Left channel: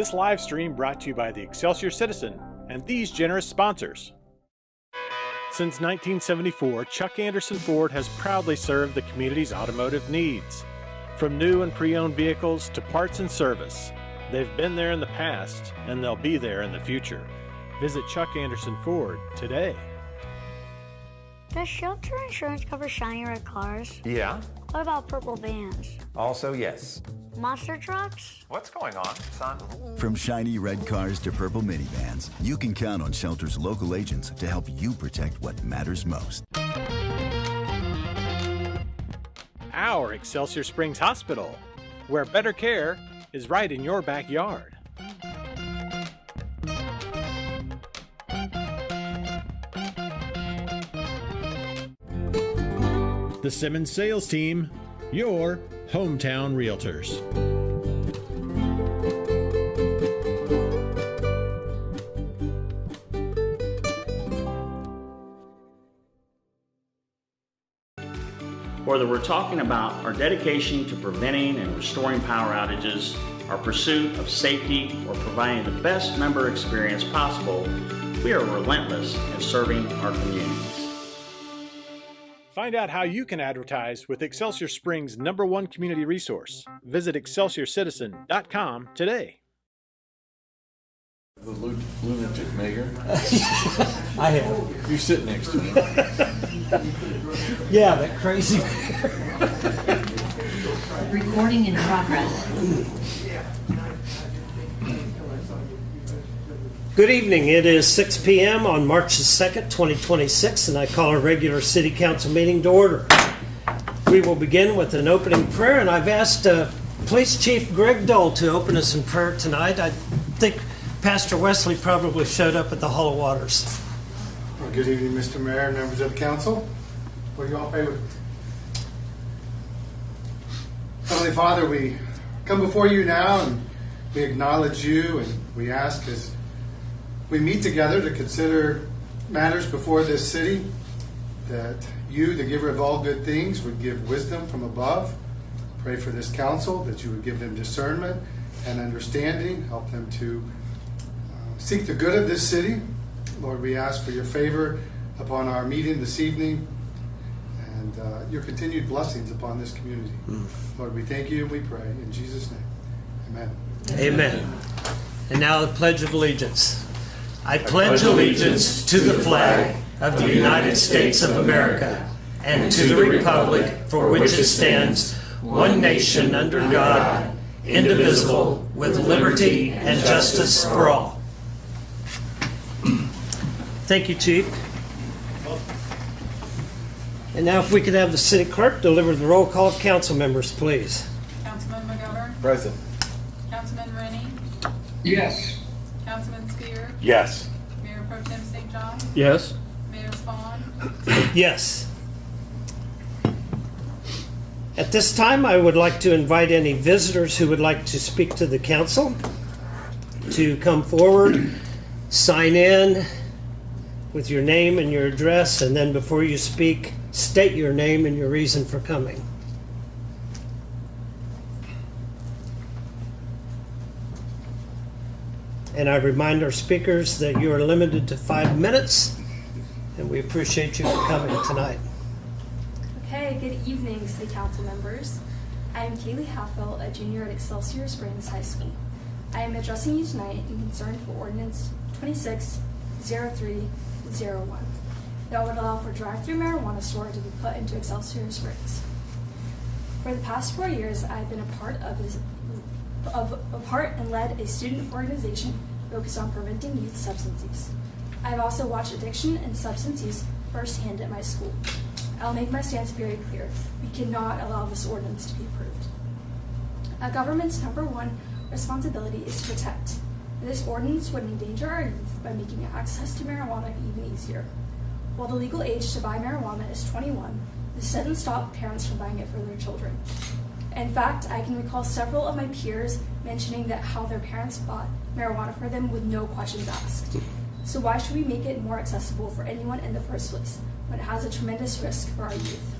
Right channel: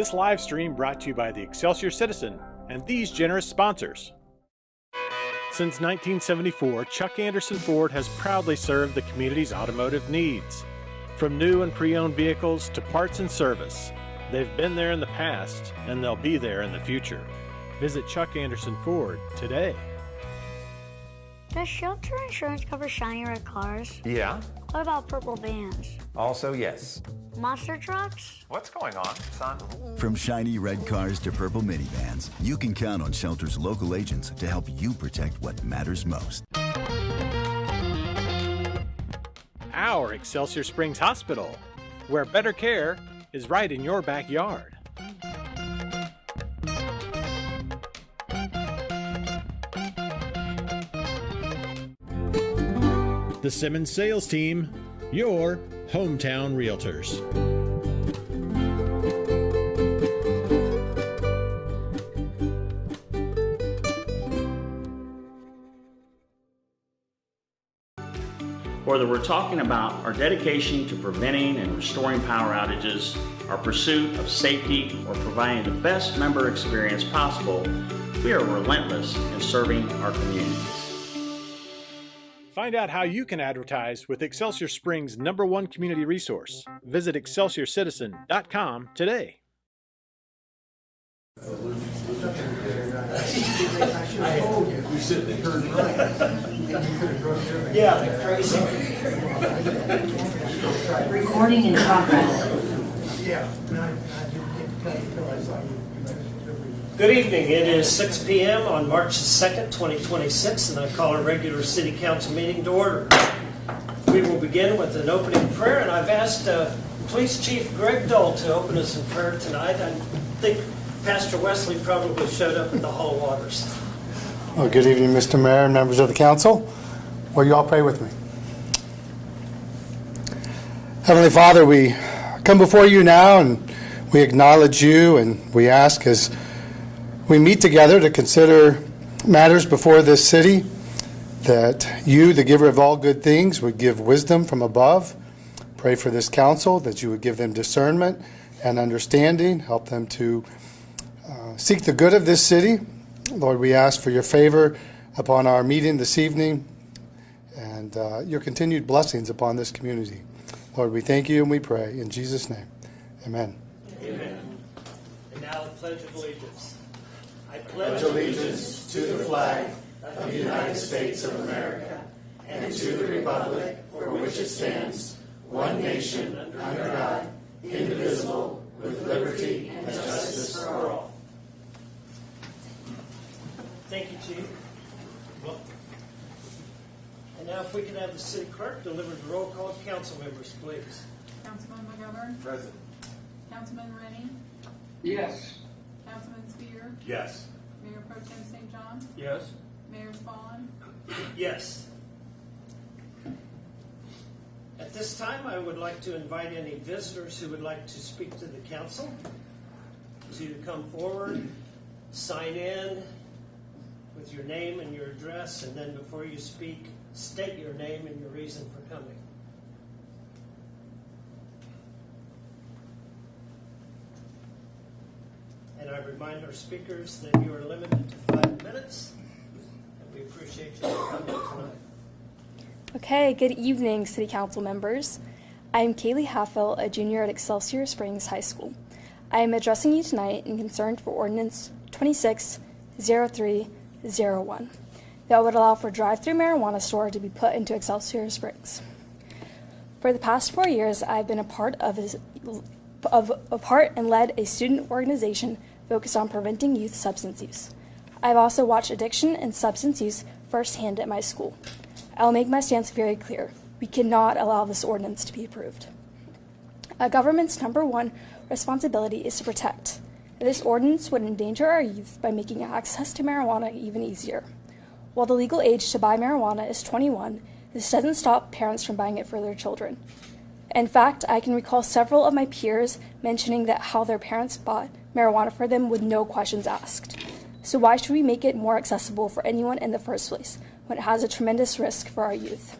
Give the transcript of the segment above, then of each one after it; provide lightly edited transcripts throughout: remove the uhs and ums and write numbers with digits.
This live stream brought to you by the Excelsior Citizen and these generous sponsors. Since 1974, Chuck Anderson Ford has proudly served the community's automotive needs. From new and pre-owned vehicles to parts and service, they've been there in the past and they'll be there in the future. Visit Chuck Anderson Ford today. Does shelter insurance cover shiny red cars? Yeah. What about purple vans? Also, yes. Monster trucks? What's going on, son? From shiny red cars to purple minivans, you can count on Shelter's local agents to help you protect what matters most. Our Excelsior Springs Hospital, where better care is right in your backyard. The Simmons Sales Team, your hometown realtors. Whether we're talking about our dedication to preventing and restoring power outages, our pursuit of safety, or providing the best member experience possible, we are relentless in serving our communities. Find out how you can advertise with Excelsior Springs' #1 community resource. Visit ExcelsiorCitizen.com today. You sit next to me. Yeah, they're crazy. Recording in progress. Good evening. It is 6 p.m. on March the 2nd, 2026, and I call our regular City Council meeting to order. We will begin with an opening prayer, and I've asked Police Chief Greg Dole to open us in prayer tonight. I think Pastor Wesley probably showed up at the Hall of Waters. Well, good evening, Mr. Mayor and members of the council. Will you all pray with me? Heavenly Father, we come before you now and we acknowledge you, and we ask as we meet together to consider matters before this city that you, the giver of all good things, would give wisdom from above. Pray for this council that you would give them discernment and understanding, help them to seek the good of this city. Lord, we ask for your favor upon our meeting this evening and your continued blessings upon this community. Lord, we thank you and we pray in Jesus' name. Amen. Amen. And now the Pledge of Allegiance. I pledge allegiance to the flag of the United States of America and to the republic for which it stands, one nation under God, indivisible, with liberty and justice for all. Thank you, Chief. And now if we could have the city clerk deliver the roll call of council members, please. Councilman McGovern? Present. Councilman Rennie? Yes. Councilman Spear? Yes. Mayor Pro Tem St. John? Yes. Mayor Spawn? Yes. At this time, I would like to invite any visitors who would like to speak to the council to come forward, sign in with your name and your address, and then before you speak, state your name and your reason for coming. And I remind our speakers that you are limited to 5 minutes, and we appreciate you for coming tonight. Okay, good evening, City Council members. I am Kaylee Haffel, a junior at Excelsior Springs High School. I am addressing you tonight in concern for Ordinance 260301 that would allow for a drive-through marijuana store to be put into Excelsior Springs. For the past 4 years, I've been a part and led a student organization focused on preventing youth substance use. I've also watched addiction and substance use firsthand at my school. I'll make my stance very clear. We cannot allow this ordinance to be approved. A government's #1 responsibility is to protect. This ordinance would endanger our youth by making access to marijuana even easier. While the legal age to buy marijuana is 21, this doesn't stop parents from buying it for their children. In fact, I can recall several of my peers mentioning that how their parents bought marijuana for them with no questions asked. So why should we make it more accessible for anyone in the first place when it has a tremendous risk for our youth?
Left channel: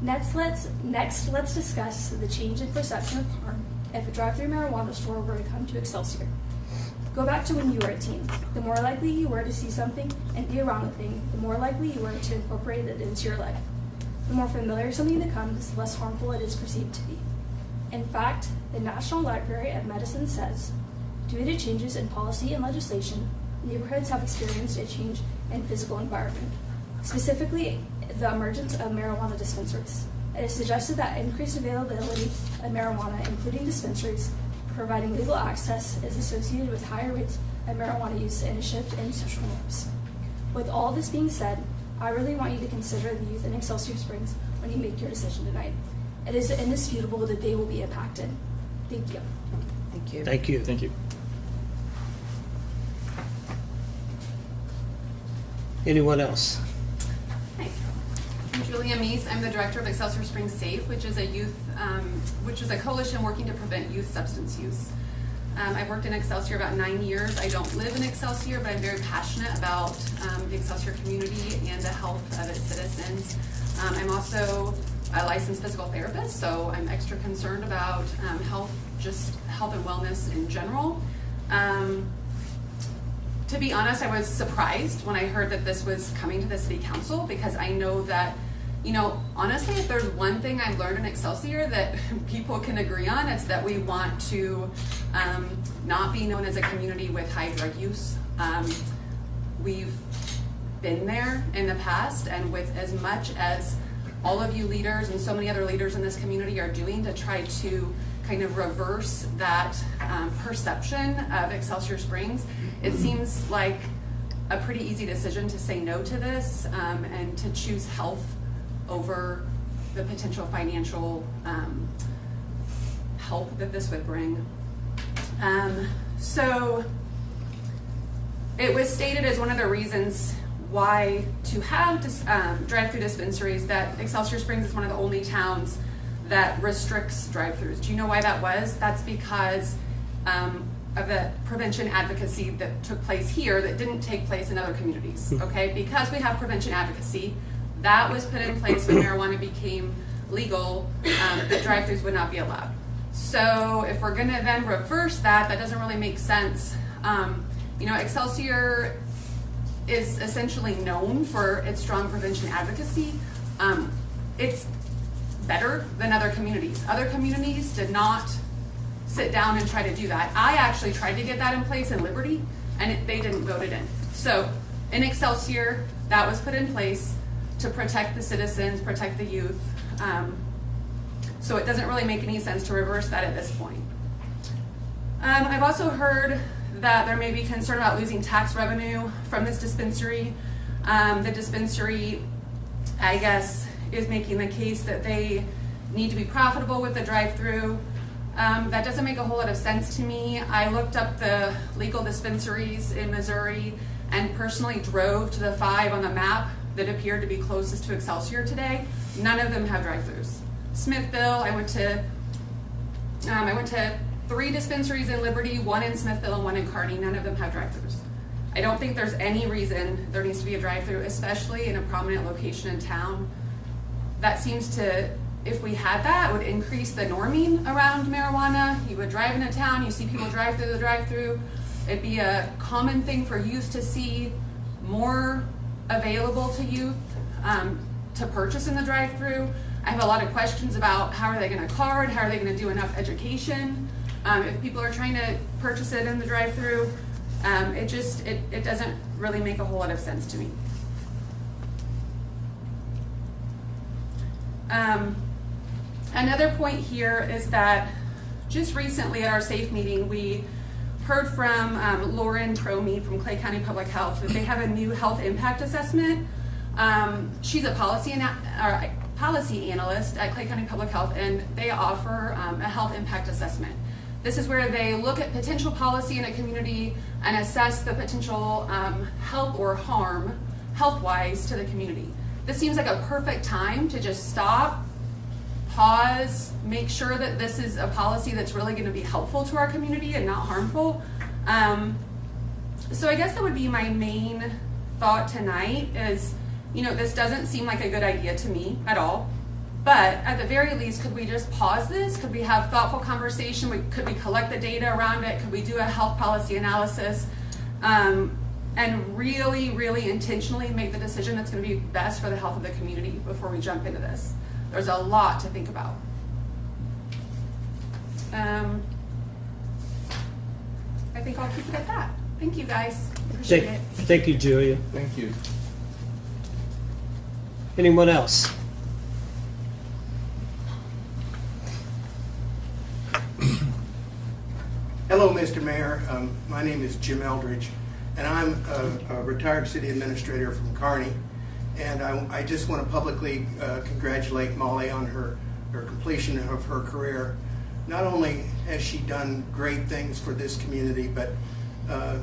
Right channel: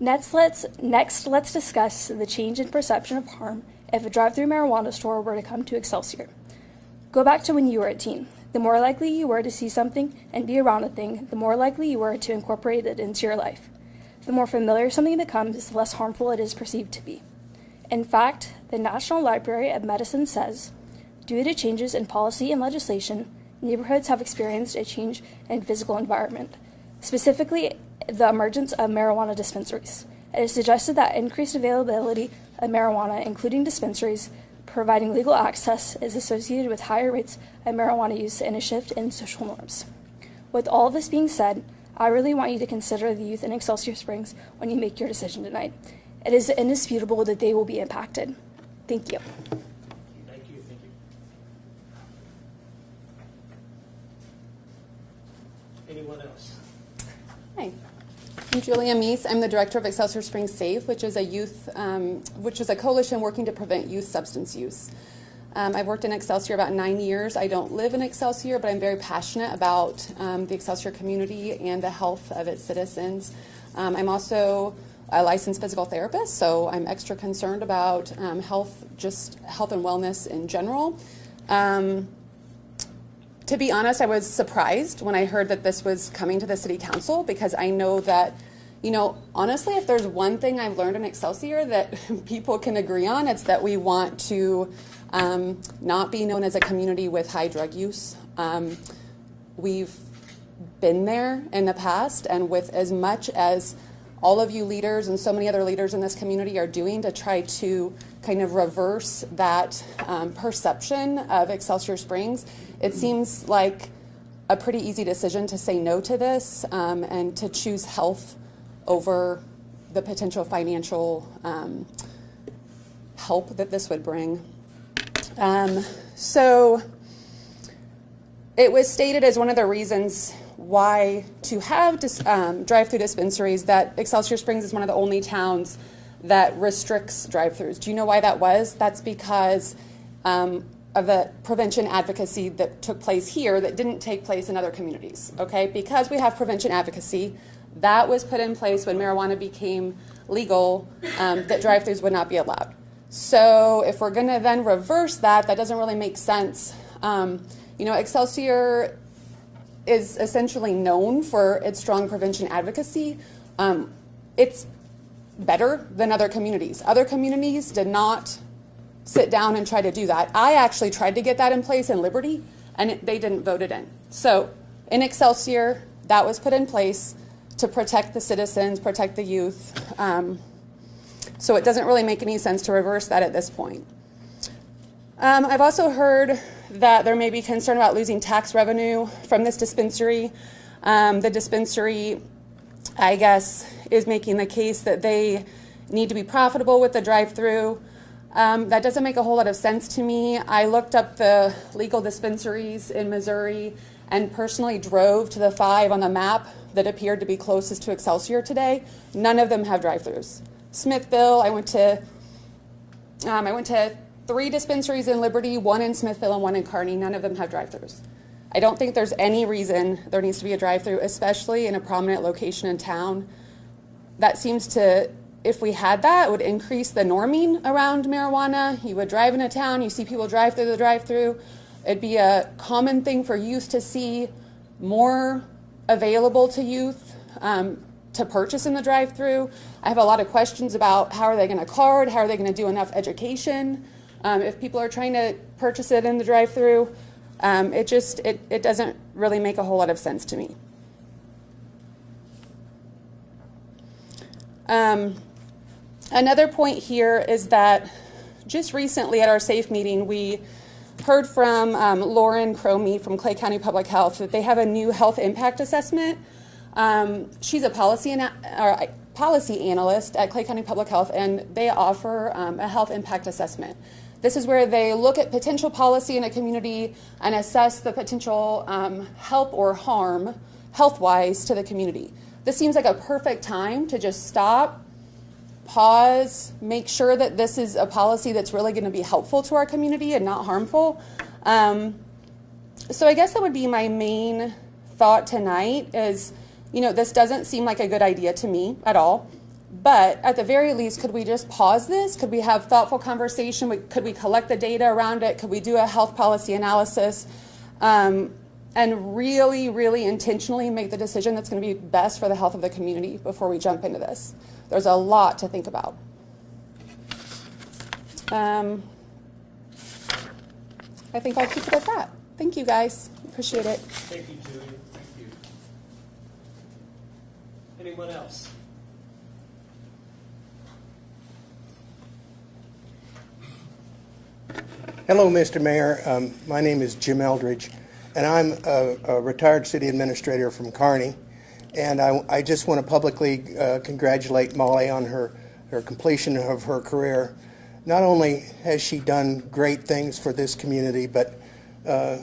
Next, let's discuss the change in perception of harm if a drive-through marijuana store were to come to Excelsior. Go back to when you were a teen. The more likely you were to see something and be around a thing, the more likely you were to incorporate it into your life. The more familiar something becomes, the less harmful it is perceived to be. In fact, the National Library of Medicine says, due to changes in policy and legislation, neighborhoods have experienced a change in physical environment, specifically the emergence of marijuana dispensaries. It is suggested that increased availability of marijuana, including dispensaries, providing legal access, is associated with higher rates of marijuana use and a shift in social norms. With all this being said, I really want you to consider the youth in Excelsior Springs when you make your decision tonight. It is indisputable that they will be impacted. Thank you. Thank you. Thank you. Thank you. Anyone else? Hi, I'm Julia Meese. I'm the director of Excelsior Springs Safe, which is a coalition working to prevent youth substance use. I've worked in Excelsior about 9 years. I don't live in Excelsior, but I'm very passionate about the Excelsior community and the health of its citizens. I'm also a licensed physical therapist, so I'm extra concerned about health and wellness in general. To be honest, I was surprised when I heard that this was coming to the city council, because I know that, honestly, if there's one thing I've learned in Excelsior that people can agree on, it's that we want to not be known as a community with high drug use. We've been there in the past, and with as much as all of you leaders and so many other leaders in this community are doing to try to kind of reverse that perception of Excelsior Springs, it seems like a pretty easy decision to say no to this and to choose health over the potential financial help that this would bring. So it was stated as one of the reasons why to have drive-through dispensaries that Excelsior Springs is one of the only towns that restricts drive-throughs. Do you know why that was? That's because of the prevention advocacy that took place here that didn't take place in other communities, okay? Because we have prevention advocacy, that was put in place when marijuana became legal, that drive-throughs would not be allowed. So if we're gonna then reverse that, that doesn't really make sense. Excelsior is essentially known for its strong prevention advocacy. It's better than other communities. Other communities did not sit down and try to do that. I actually tried to get that in place in Liberty, and they didn't vote it in. So in Excelsior, that was put in place to protect the citizens, protect the youth. So it doesn't really make any sense to reverse that at this point. I've also heard that there may be concern about losing tax revenue from this dispensary. The dispensary, I guess, is making the case that they need to be profitable with the drive-through. That doesn't make a whole lot of sense to me. I looked up the legal dispensaries in Missouri and personally drove to the 5 on the map that appeared to be closest to Excelsior today. None of them have drive-throughs. Smithville, I went to 3 dispensaries in Liberty, 1 in Smithville and 1 in Kearney. None of them have drive-throughs. I don't think there's any reason there needs to be a drive-through, especially in a prominent location in town. That seems to, if we had that, it would increase the norming around marijuana. You would drive into town, you see people drive through the drive-through. It'd be a common thing for youth to see, more available to youth to purchase in the drive-through. I have a lot of questions about how are they going to card, how are they going to do enough education if people are trying to purchase it in the drive-through. It doesn't really make a whole lot of sense to me. Another point here is that just recently at our SAFE meeting, we heard from Lauren Promead from Clay County Public Health that they have a new health impact assessment. She's a policy analyst at Clay County Public Health, and they offer a health impact assessment. This is where they look at potential policy in a community and assess the potential help or harm health-wise to the community. This seems like a perfect time to just stop, pause, make sure that this is a policy that's really going to be helpful to our community and not harmful. So I guess that would be my main thought tonight is, this doesn't seem like a good idea to me at all, But at the very least, could we just pause this? Could we have thoughtful conversation? Could we collect the data around it? Could we do a health policy analysis? And really, really intentionally make the decision that's going to be best for the health of the community before we jump into this. There's a lot to think about. I think I'll keep it at that. Thank you, guys. Appreciate it. Thank you, Julia. Thank you. Anyone else? Hello, Mr. Mayor. My name is Jim Eldridge, and I'm a retired city administrator from Kearney. And I just want to publicly congratulate Molly on her completion of her career. Not only has she done great things for this community, but I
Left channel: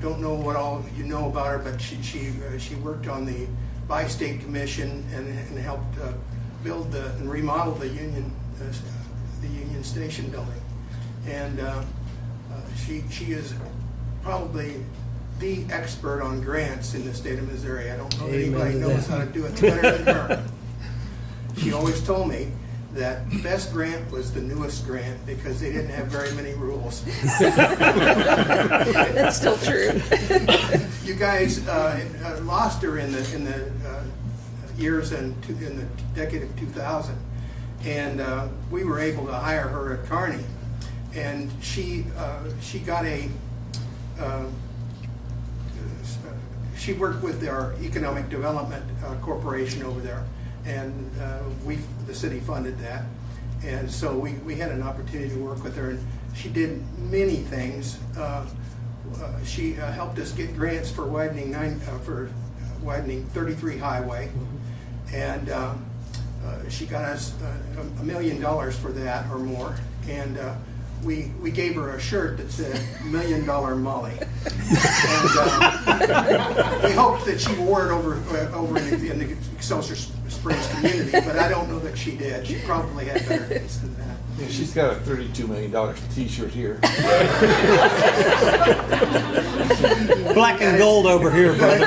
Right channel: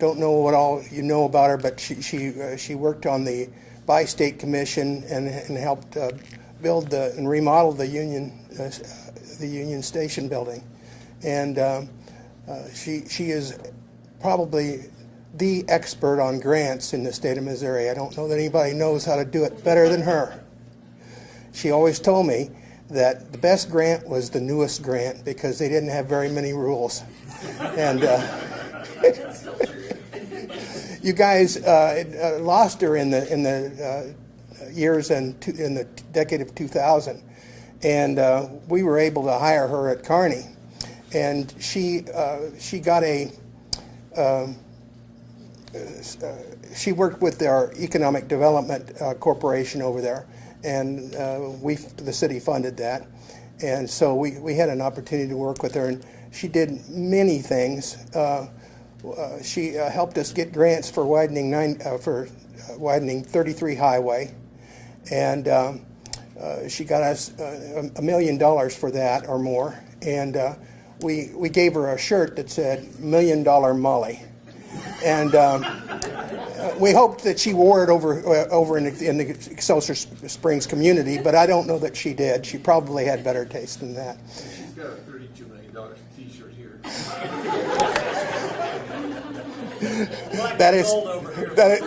don't know what all you know about her, but she worked on the Bi-State Commission and helped build and remodel the Union Station building. And she is probably the expert on grants in the state of Missouri. I don't know that anybody knows how to do it better than her. She always told me that the best grant was the newest grant because they didn't have very many rules. And, that's still true. You guys lost her in the years in the decade of 2000, and we were able to hire her at Kearney, and she got a. She worked with our Economic Development Corporation over there, and the city funded that, and so we had an opportunity to work with her, and she did many things. She helped us get grants for widening 33 Highway, and she got us $1 million for that or more, and we gave her a shirt that said $1 Million Molly, and we hoped that she wore it over in the Excelsior Springs community, but I don't know that she did. She probably had better taste than that. And she's got a $32 million t-shirt here. Black and gold over here, brother.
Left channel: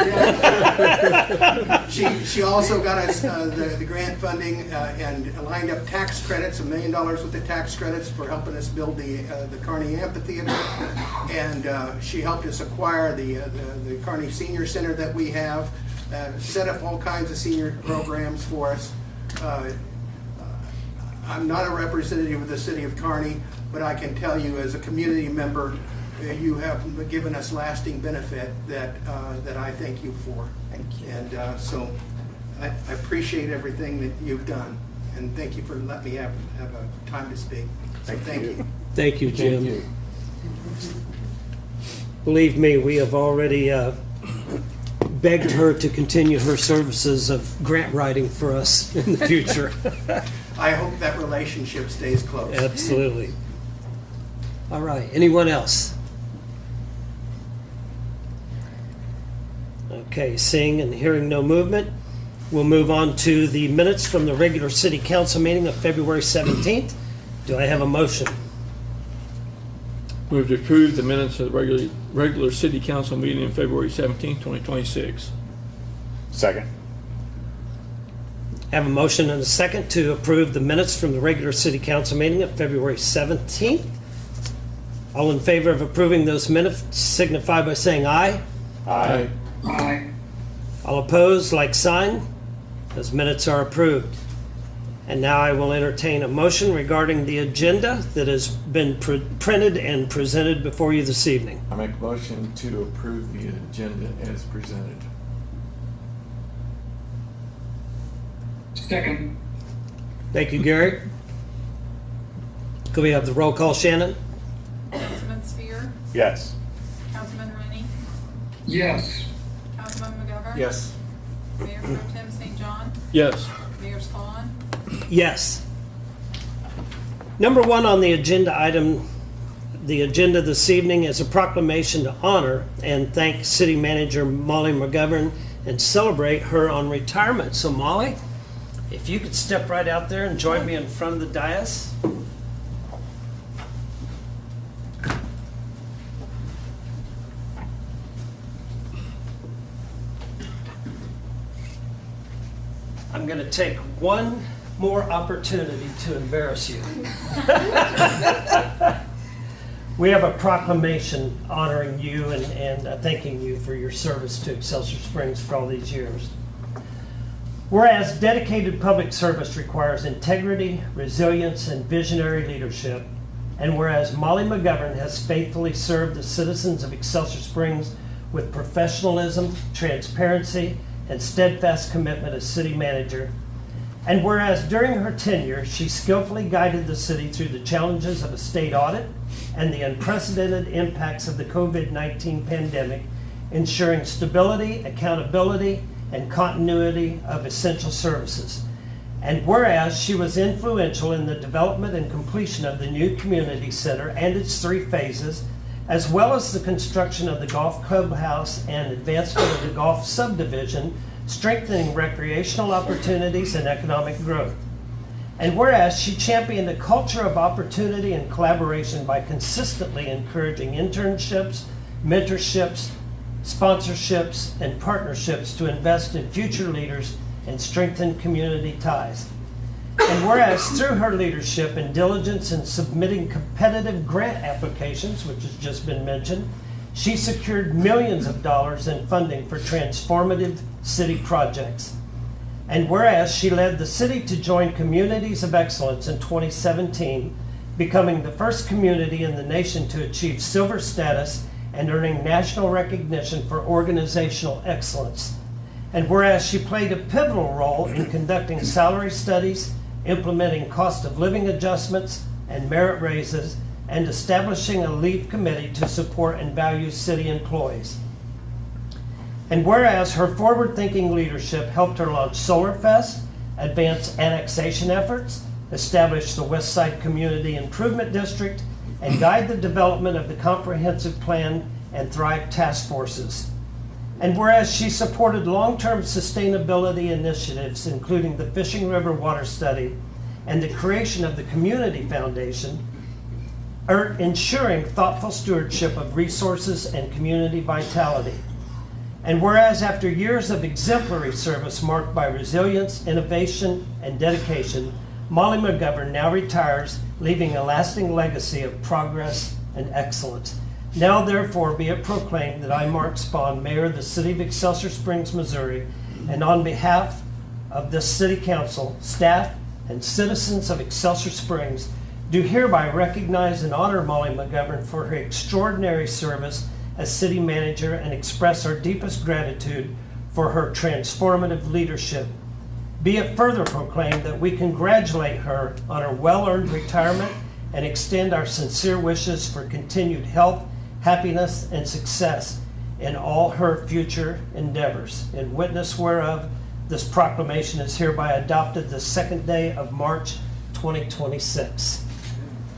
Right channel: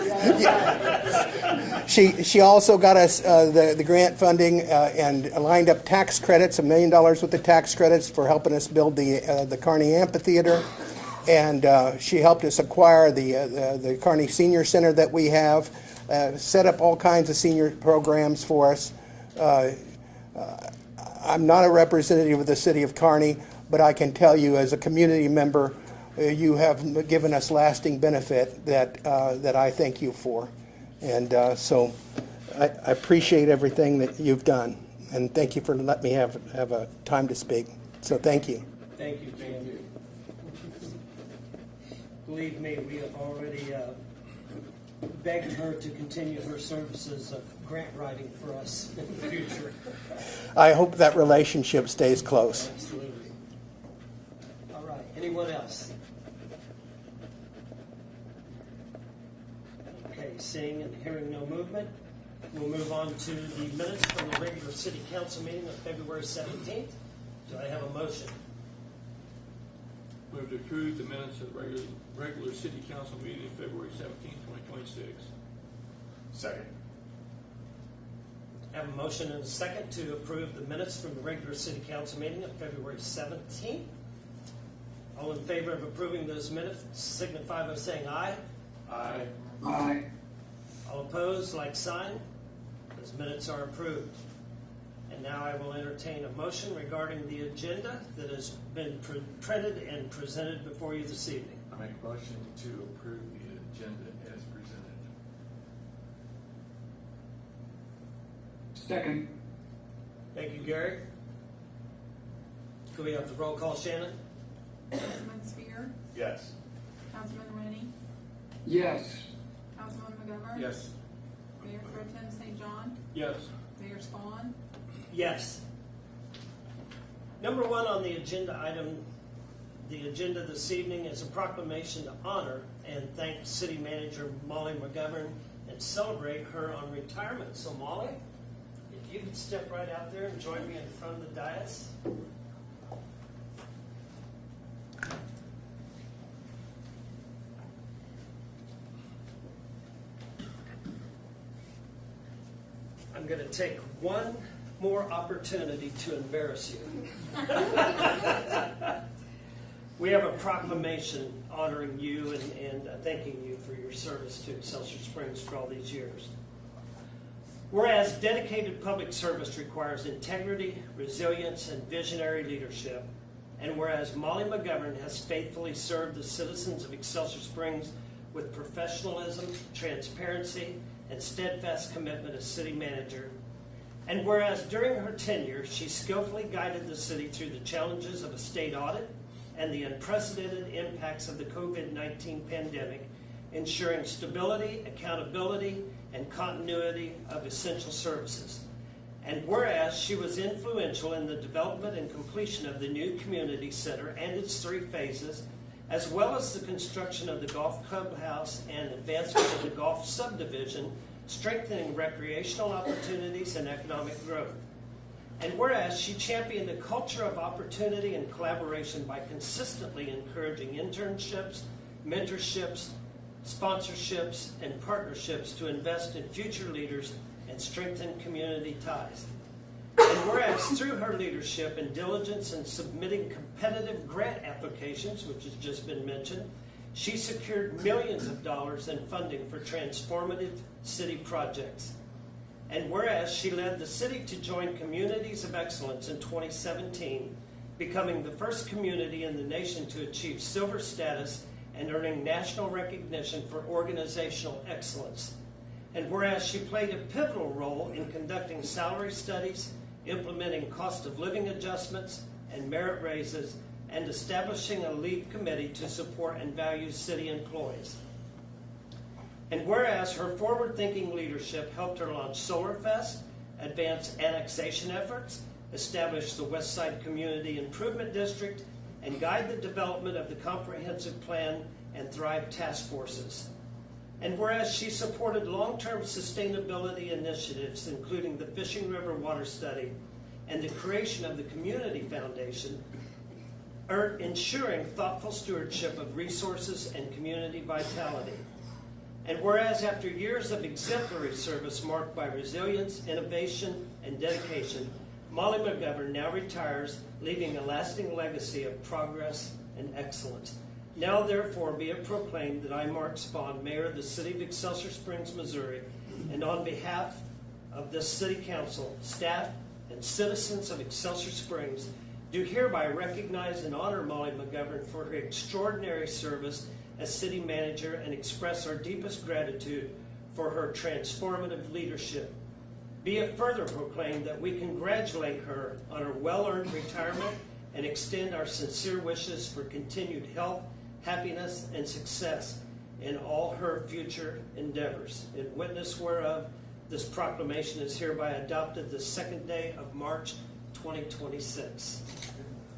She also got us the grant funding and lined up tax credits, $1 million worth of tax credits for helping us build the Kearney Amphitheater, and she helped us acquire the Kearney Senior Center that we have, set up all kinds of senior programs for us. I'm not a representative of the city of Kearney, but I can tell you as a community member, you have given us lasting benefit that I thank you for. Thank you. And so I appreciate everything that you've done, and thank you for letting me have a time to speak. So thank you. Thank you, Jim. Thank you. Believe me, we have already begged her to continue her services of grant writing for us in the future. I hope that relationship stays close. Absolutely. All right. Anyone else? Okay. Seeing and hearing no movement, we'll move on to the minutes from the regular city council meeting of February 17th. Do I have a motion? Move to approve the minutes of the regular city council meeting on February 17, 2026. Second. Have a motion and a second to approve the minutes from the regular city council meeting of February 17th. All in favor of approving those minutes signify by saying aye. Aye. Aye. All opposed, like sign. Those minutes are approved. And now I will entertain a motion regarding the agenda that has been printed and presented before you this evening. I make a motion to approve the agenda as presented. Second. Thank you, Gary. Could we have the roll call, Shannon? Councilman Spear, Yes. Councilman Rennie, Yes. Councilman McGovern. Yes. Mayor Pro Tem St. John, Yes. Mayor Spawn, Yes. Number one on the agenda item, the agenda this evening is a proclamation to honor and thank City Manager Molly McGovern and celebrate her on retirement. So Molly, if you could step right out there and join me in front of the dais. I'm going to take one more opportunity to embarrass you. We have a proclamation honoring you and thanking you for your service to Excelsior Springs for all these years. Whereas dedicated public service requires integrity, resilience, and visionary leadership, and whereas Molly McGovern has faithfully served the citizens of Excelsior Springs with professionalism, transparency, and steadfast commitment as city manager, and whereas during her tenure she skillfully guided the city through the challenges of a state audit and the unprecedented impacts of the COVID-19 pandemic, ensuring stability, accountability, and continuity of essential services. And whereas she was influential in the development and completion of the new community center and its 3 phases, as well as the construction of the golf clubhouse and advancement of the golf subdivision, strengthening recreational opportunities and economic growth. And whereas she championed a culture of opportunity and collaboration by consistently encouraging internships, mentorships, sponsorships, and partnerships to invest in future leaders and strengthen community ties. And whereas through her leadership and diligence in submitting competitive grant applications, which has just been mentioned, she secured millions of dollars in funding for transformative city projects. And whereas she led the city to join Communities of Excellence in 2017, becoming the first community in the nation to achieve silver status and earning national recognition for organizational excellence. And whereas she played a pivotal role in conducting salary studies, implementing cost of living adjustments and merit raises, and establishing a lead committee to support and value city employees. And whereas her forward-thinking leadership helped her launch SolarFest, advance annexation efforts, establish the West Side Community Improvement District, and guide the development of the Comprehensive Plan and Thrive Task Forces. And whereas she supported long-term sustainability initiatives, including the Fishing River Water Study and the creation of the Community Foundation, ensuring thoughtful stewardship of resources and community vitality. And whereas after years of exemplary service marked by resilience, innovation, and dedication, Molly McGovern now retires, leaving a lasting legacy of progress and excellence. Now therefore be it proclaimed that I, Mark Spahn, Mayor of the City of Excelsior Springs, Missouri, and on behalf of this City Council, staff, and citizens of Excelsior Springs, do hereby recognize and honor Molly McGovern for her extraordinary service as City Manager and express our deepest gratitude for her transformative leadership. Be it further proclaimed that we congratulate her on her well-earned retirement and extend our sincere wishes for continued health, happiness, and success in all her future endeavors. In witness whereof, this proclamation is hereby adopted the second day of March 2026.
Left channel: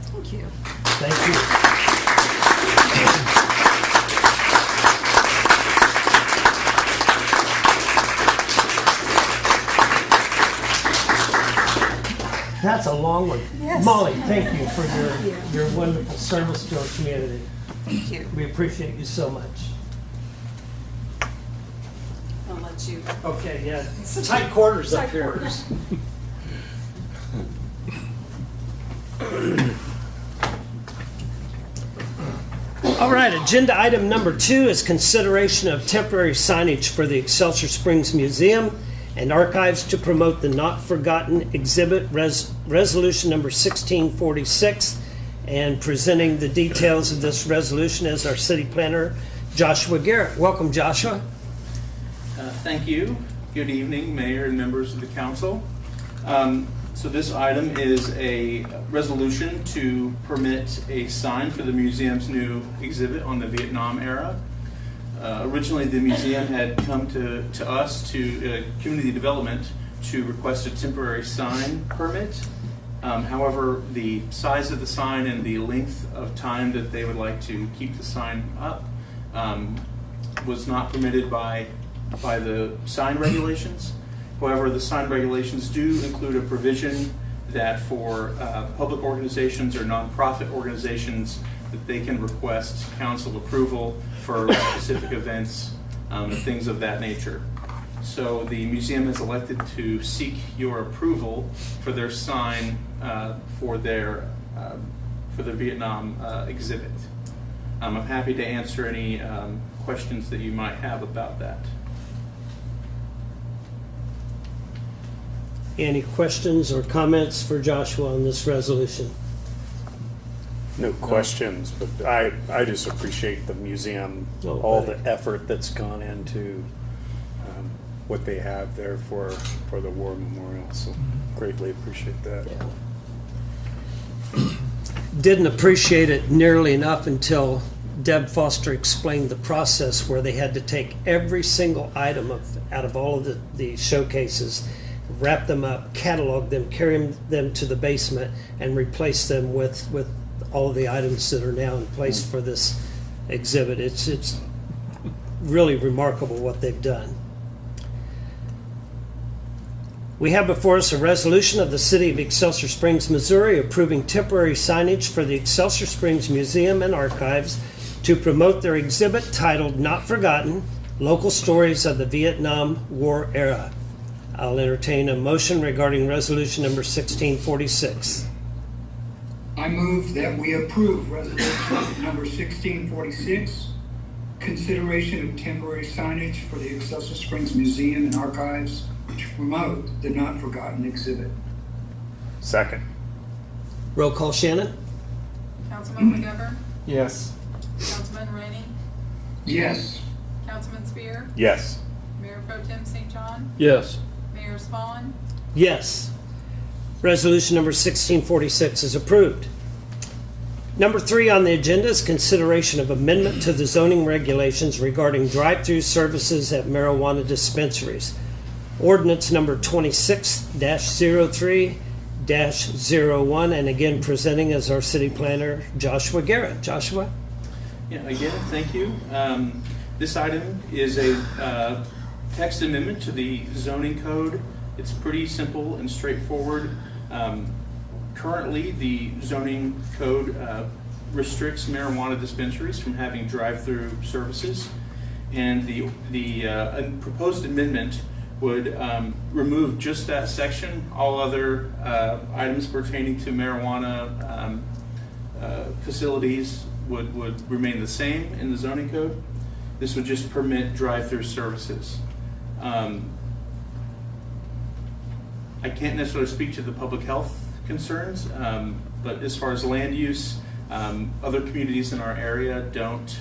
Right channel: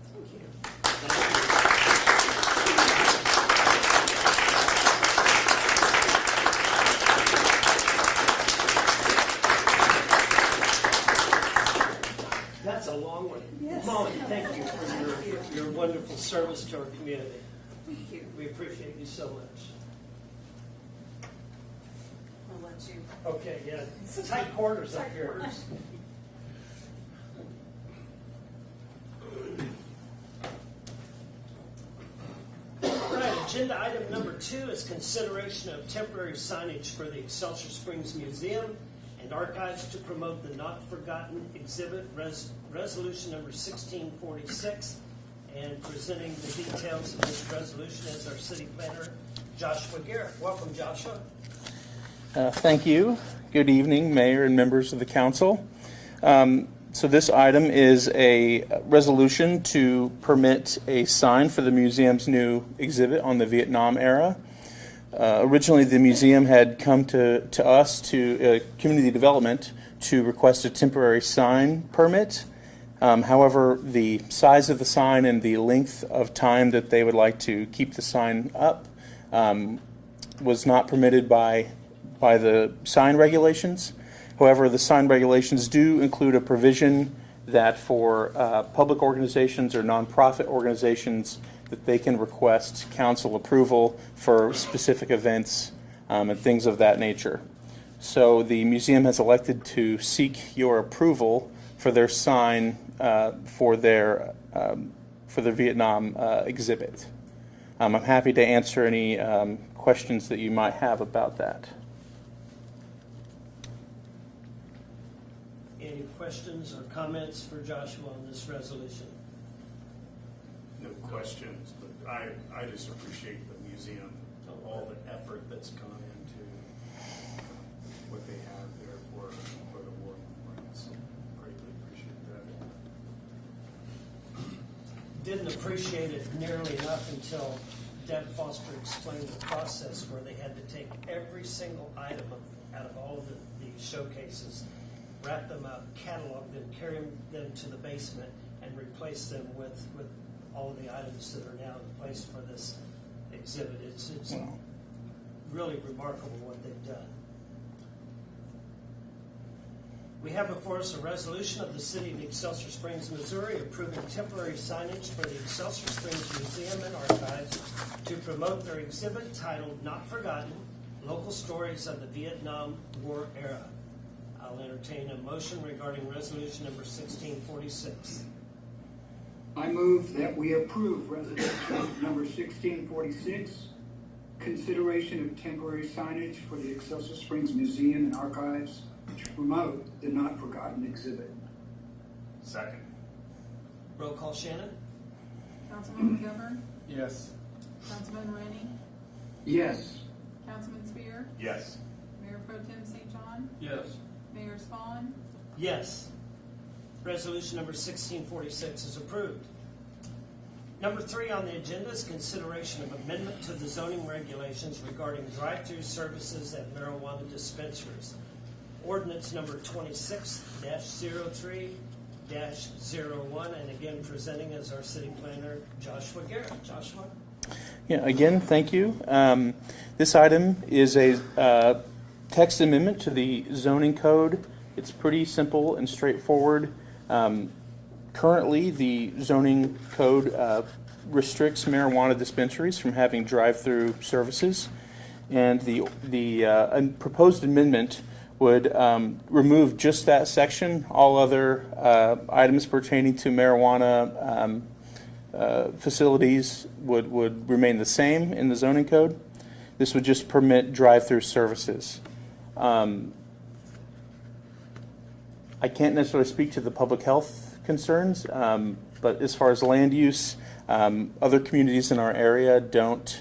Thank you. Thank you. That's a long one. Yes. Molly, thank you for your wonderful service to our community. Thank you. We appreciate you so much. I'll let you. Okay, yeah. Tight quarters up here. All right, agenda item number 2 is consideration of temporary signage for the Excelsior Springs Museum and Archives to promote the Not Forgotten exhibit, resolution number 1646. And presenting the details of this resolution is our city planner, Joshua Garrett. Welcome, Joshua. Thank you. Good evening, Mayor and members of the council. So this item is a resolution to permit a sign for the museum's new exhibit on the Vietnam era. Originally, the museum had come to us, to community development, to request a temporary sign permit. However, the size of the sign and the length of time that they would like to keep the sign up was not permitted by the sign regulations. However, the sign regulations do include a provision that for public organizations or nonprofit organizations that they can request council approval for specific events and things of that nature. So the museum has elected to seek your approval for their sign for their Vietnam exhibit. I'm happy to answer any questions that you might have about that. Any questions or comments for Joshua on this resolution? No questions, but I just appreciate the museum, all the effort that's gone into what they have there for the war memorial. So greatly appreciate that. Yeah. Didn't appreciate it nearly enough until Deb Foster explained the process where they had to take every single item out of all of the showcases, wrap them up, catalog them, carry them to the basement, and replace them with all of the items that are now in place for this exhibit. It's really remarkable what they've done. We have before us a resolution of the City of Excelsior Springs, Missouri, approving temporary signage for the Excelsior Springs Museum and Archives to promote their exhibit titled Not Forgotten, Local Stories of the Vietnam War Era. I'll entertain a motion regarding resolution number 1646. I move that we approve resolution number 1646, consideration of temporary signage for the Excelsior Springs Museum and Archives to promote the Not Forgotten exhibit. Second. Roll call, Shannon? Councilman McGovern? Yes. Councilman Rainey? Yes. Councilman Spear? Yes. Mayor Pro Tem St. John? Yes. Mayor Spawn? Yes. Resolution number 1646 is approved. Number 3 on the agenda is consideration of amendment to the zoning regulations regarding drive-through services at marijuana dispensaries. Ordinance number 26-03-01, and again presenting as our city planner, Joshua Garrett. Joshua? Yeah, again, thank you. This item is a text amendment to the zoning code. It's pretty simple and straightforward. Currently, the zoning code restricts marijuana dispensaries from having drive-through services, and the proposed amendment would remove just that section. All other items pertaining to marijuana facilities would remain the same in the zoning code. This would just permit drive-through services. I can't necessarily speak to the public health concerns, but as far as land use, other communities in our area don't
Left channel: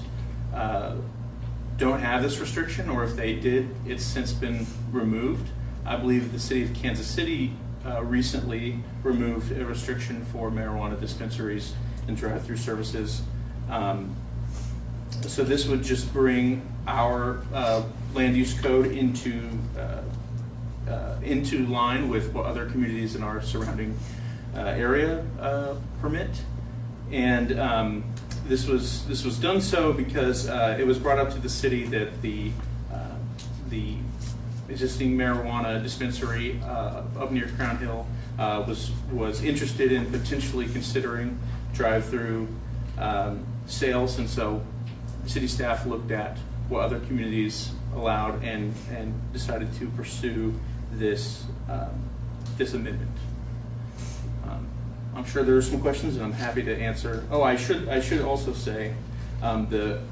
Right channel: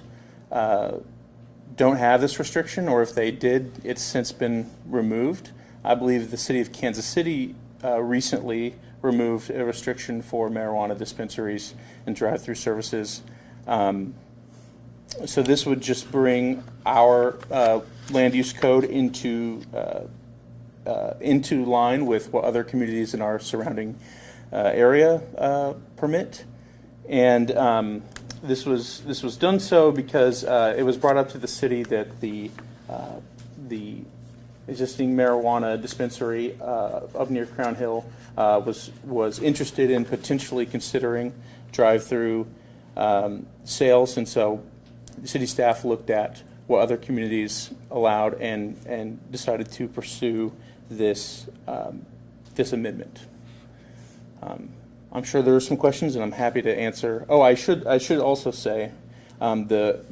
have this restriction, or if they did, it's since been removed. I believe the city of Kansas City recently removed a restriction for marijuana dispensaries and drive-through services. So this would just bring our land use code into line with what other communities in our surrounding area permit, and this was done so because it was brought up to the city that the existing marijuana dispensary up near Crown Hill was interested in potentially considering drive-through sales, and so the city staff looked at what other communities allowed and decided to pursue this amendment. I'm sure there are some questions, and I'm happy to answer. Oh, I should also say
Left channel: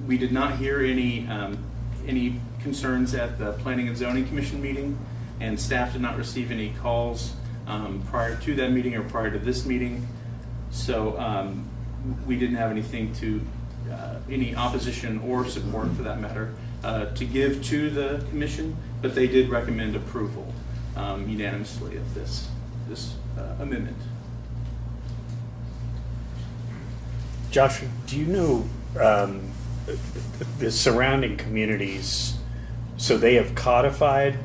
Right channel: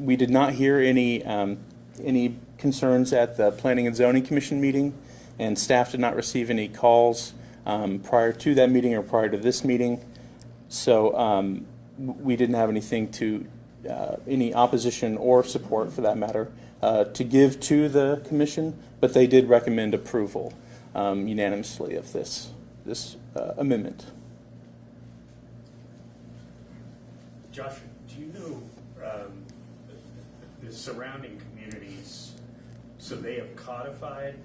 we did not hear any concerns at the Planning and Zoning Commission meeting, and staff did not receive any calls prior to that meeting or prior to this meeting. So we didn't have anything to any opposition or support, for that matter, to give to the commission, but they did recommend approval unanimously of this amendment. Josh, do you know the surrounding communities, so they have codified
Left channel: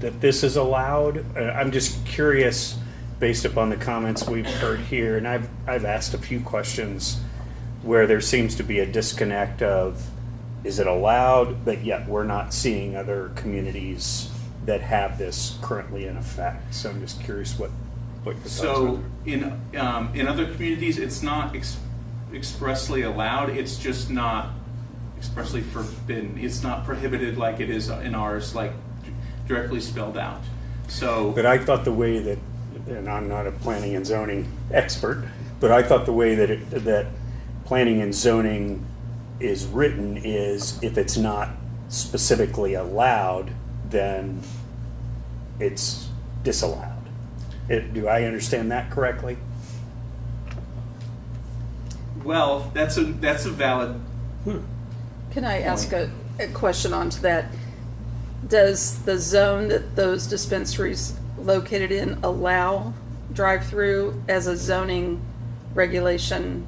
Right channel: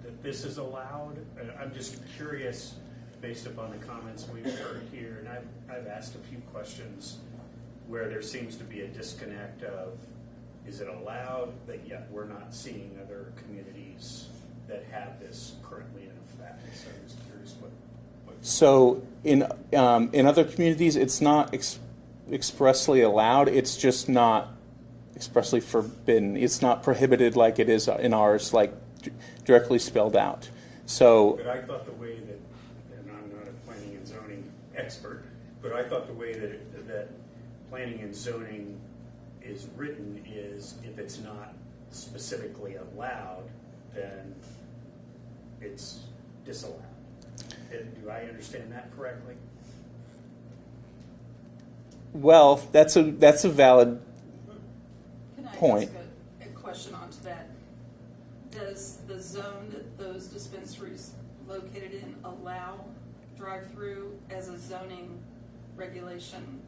that this is allowed? I'm just curious, based upon the comments we've heard here, and I've asked a few questions where there seems to be a disconnect of, is it allowed, but yet we're not seeing other communities that have this currently in effect. So I'm just curious what your thoughts are. In other communities, it's not expressly allowed. It's just not expressly forbidden. It's not prohibited like it is in ours. Like directly spelled out. So, but I thought the way that, and I'm not a planning and zoning expert, but I thought the way that planning and zoning is written is if it's not specifically allowed, then it's disallowed. Do I understand that correctly? well, that's a valid Can I point. ask a question onto that? Does the zone that those dispensaries located in allow drive-through as a zoning regulation?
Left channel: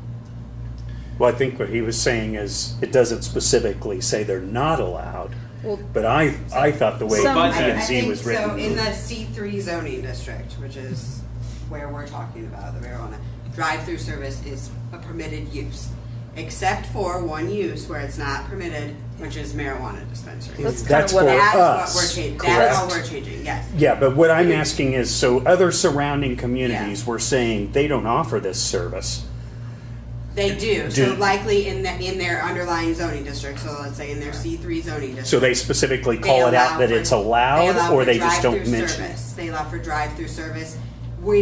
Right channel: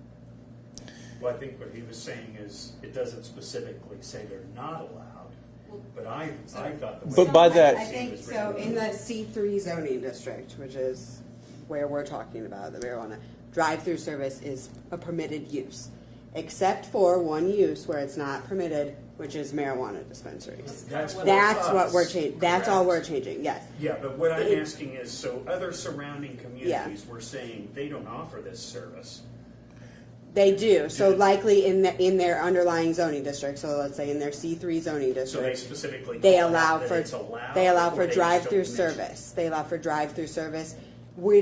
Well, I think what he was saying is it doesn't specifically say they're not allowed, Well, but I thought the way Some- P and I Z think was written. so. In the C3 zoning district, which is where we're talking about the marijuana, drive-through service is a permitted use, except for one use where it's not permitted, which is marijuana dispensaries. That's for us. What we're changing. Correct. That's all we're changing. Yes. Yeah, but what I'm asking is, so other surrounding communities Yeah. were saying they don't offer this service. They do. So Do- likely in their underlying zoning district. So let's say in their C3 zoning district. So they specifically they call it allow out that for- it's they allowed, allow or for they just don't drive-through mention? service. They allow for drive-through service. They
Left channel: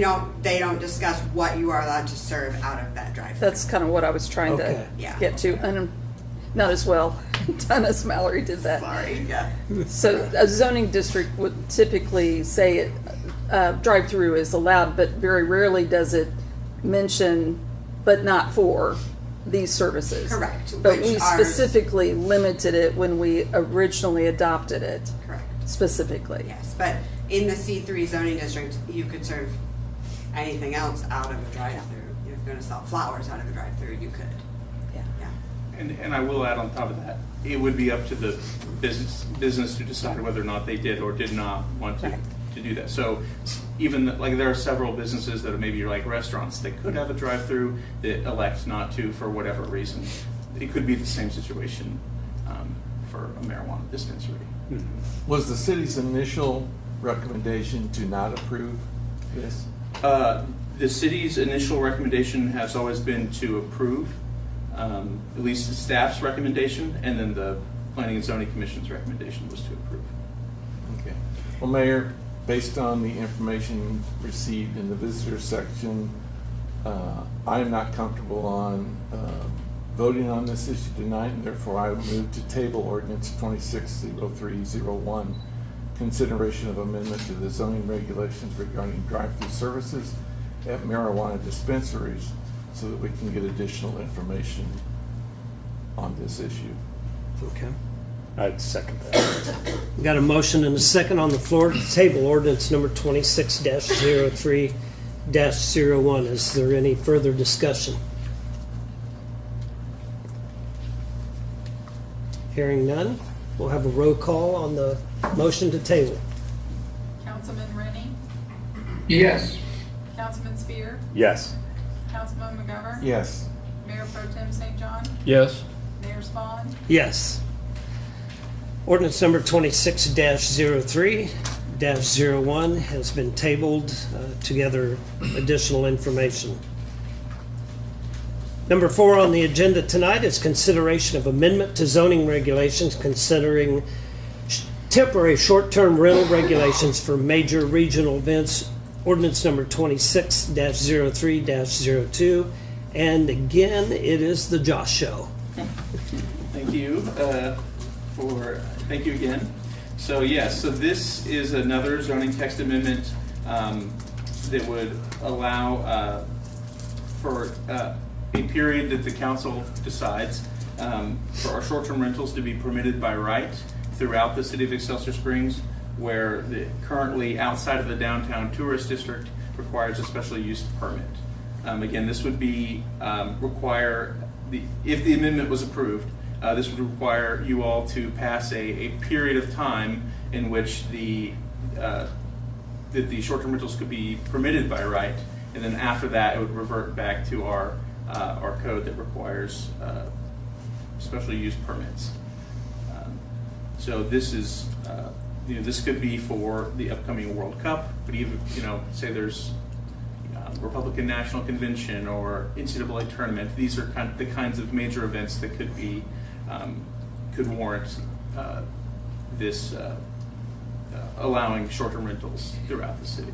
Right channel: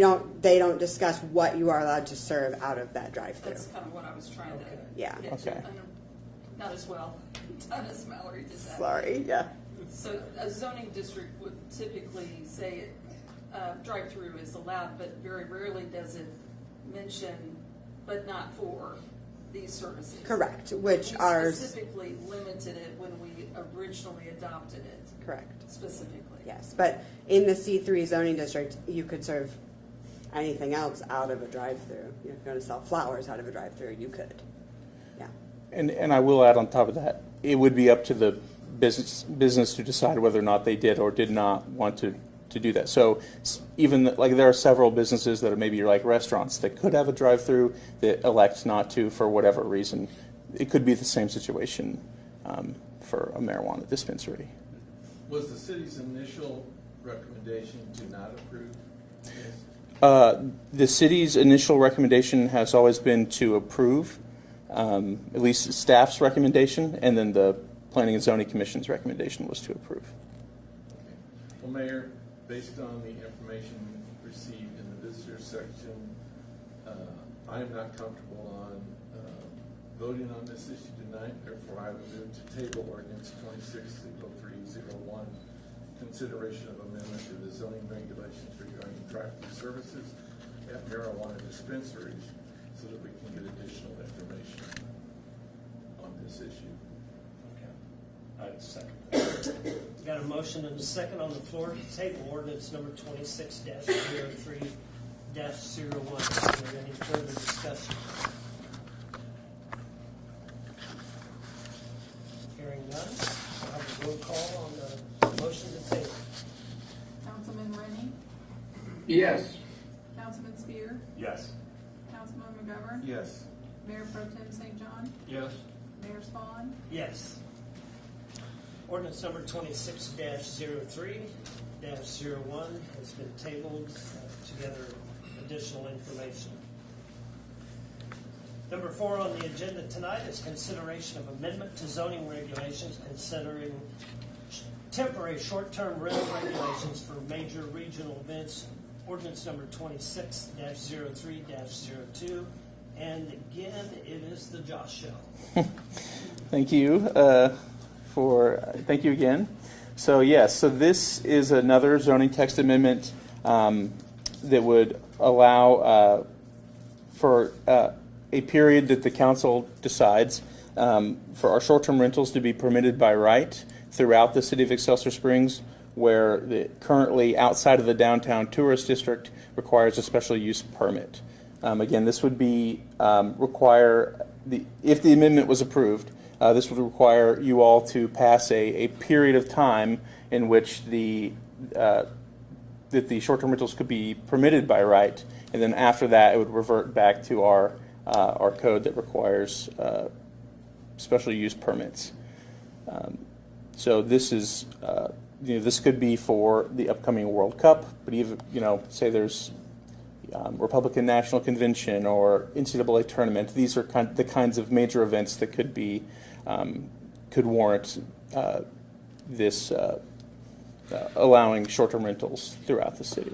don't discuss what you are allowed to serve out of that drive-through. That's kind of what I was trying to Yeah. get to, and not as well done as Mallory did that. Sorry. Yeah. So a zoning district would typically say drive-through is allowed, but very rarely does it mention, but not for these services. Correct. But Which we are- specifically limited it when we originally adopted it. Correct. Specifically. Yes, but in the C3 zoning district, you could serve anything else out of a drive-through. You're going to sell flowers out of a drive-through, you could. Yeah. And I will add on top of that, it would be up to the business to decide whether or not they did or did not want to do that. So even like there are several businesses that are maybe like restaurants that could have a drive-through that elect not to for whatever reason. It could be the same situation for a marijuana dispensary. Was the city's initial recommendation to not approve this? The city's initial recommendation has always been to approve, at least the staff's recommendation, and then the Planning and Zoning Commission's recommendation was to approve. Okay. Well, Mayor, based on the information received in the visitor section, I am not comfortable on voting on this issue tonight, and therefore I move to table ordinance 260301, consideration of amendment to the zoning regulations regarding drive-through services at marijuana dispensaries, so that we can get additional information on this issue. Okay. I'd second that. We got a motion and a second on the floor to table ordinance number 26-03-01. Is there any further discussion? Hearing none, we'll have a roll call on the motion to table. Councilman Rennie? Yes. Councilman Spear? Yes. Councilman McGovern? Yes. Mayor Pro Tem St. John? Yes. Mayor Spawn? Yes. Ordinance number 26-03-01 has been tabled to gather additional information. Number 4 on the agenda tonight is consideration of amendment to zoning regulations considering temporary short-term rental regulations for major regional events. Ordinance number 26-03-02. And again, it is the Josh Show. Thank you thank you again. So yes, so this is another zoning text amendment that would allow for a period that the council decides for our short-term rentals to be permitted by right throughout the city of Excelsior Springs, where currently outside of the downtown tourist district requires a special use permit. Again, this would be if the amendment was approved, this would require you all to pass a period of time in which that the short-term rentals could be permitted by right, and then after that it would revert back to our code that requires special use permits. So this is this could be for the upcoming World Cup, but even say there's Republican National Convention or NCAA tournament. These are the kinds of major events that could be could warrant this allowing short-term rentals throughout the city.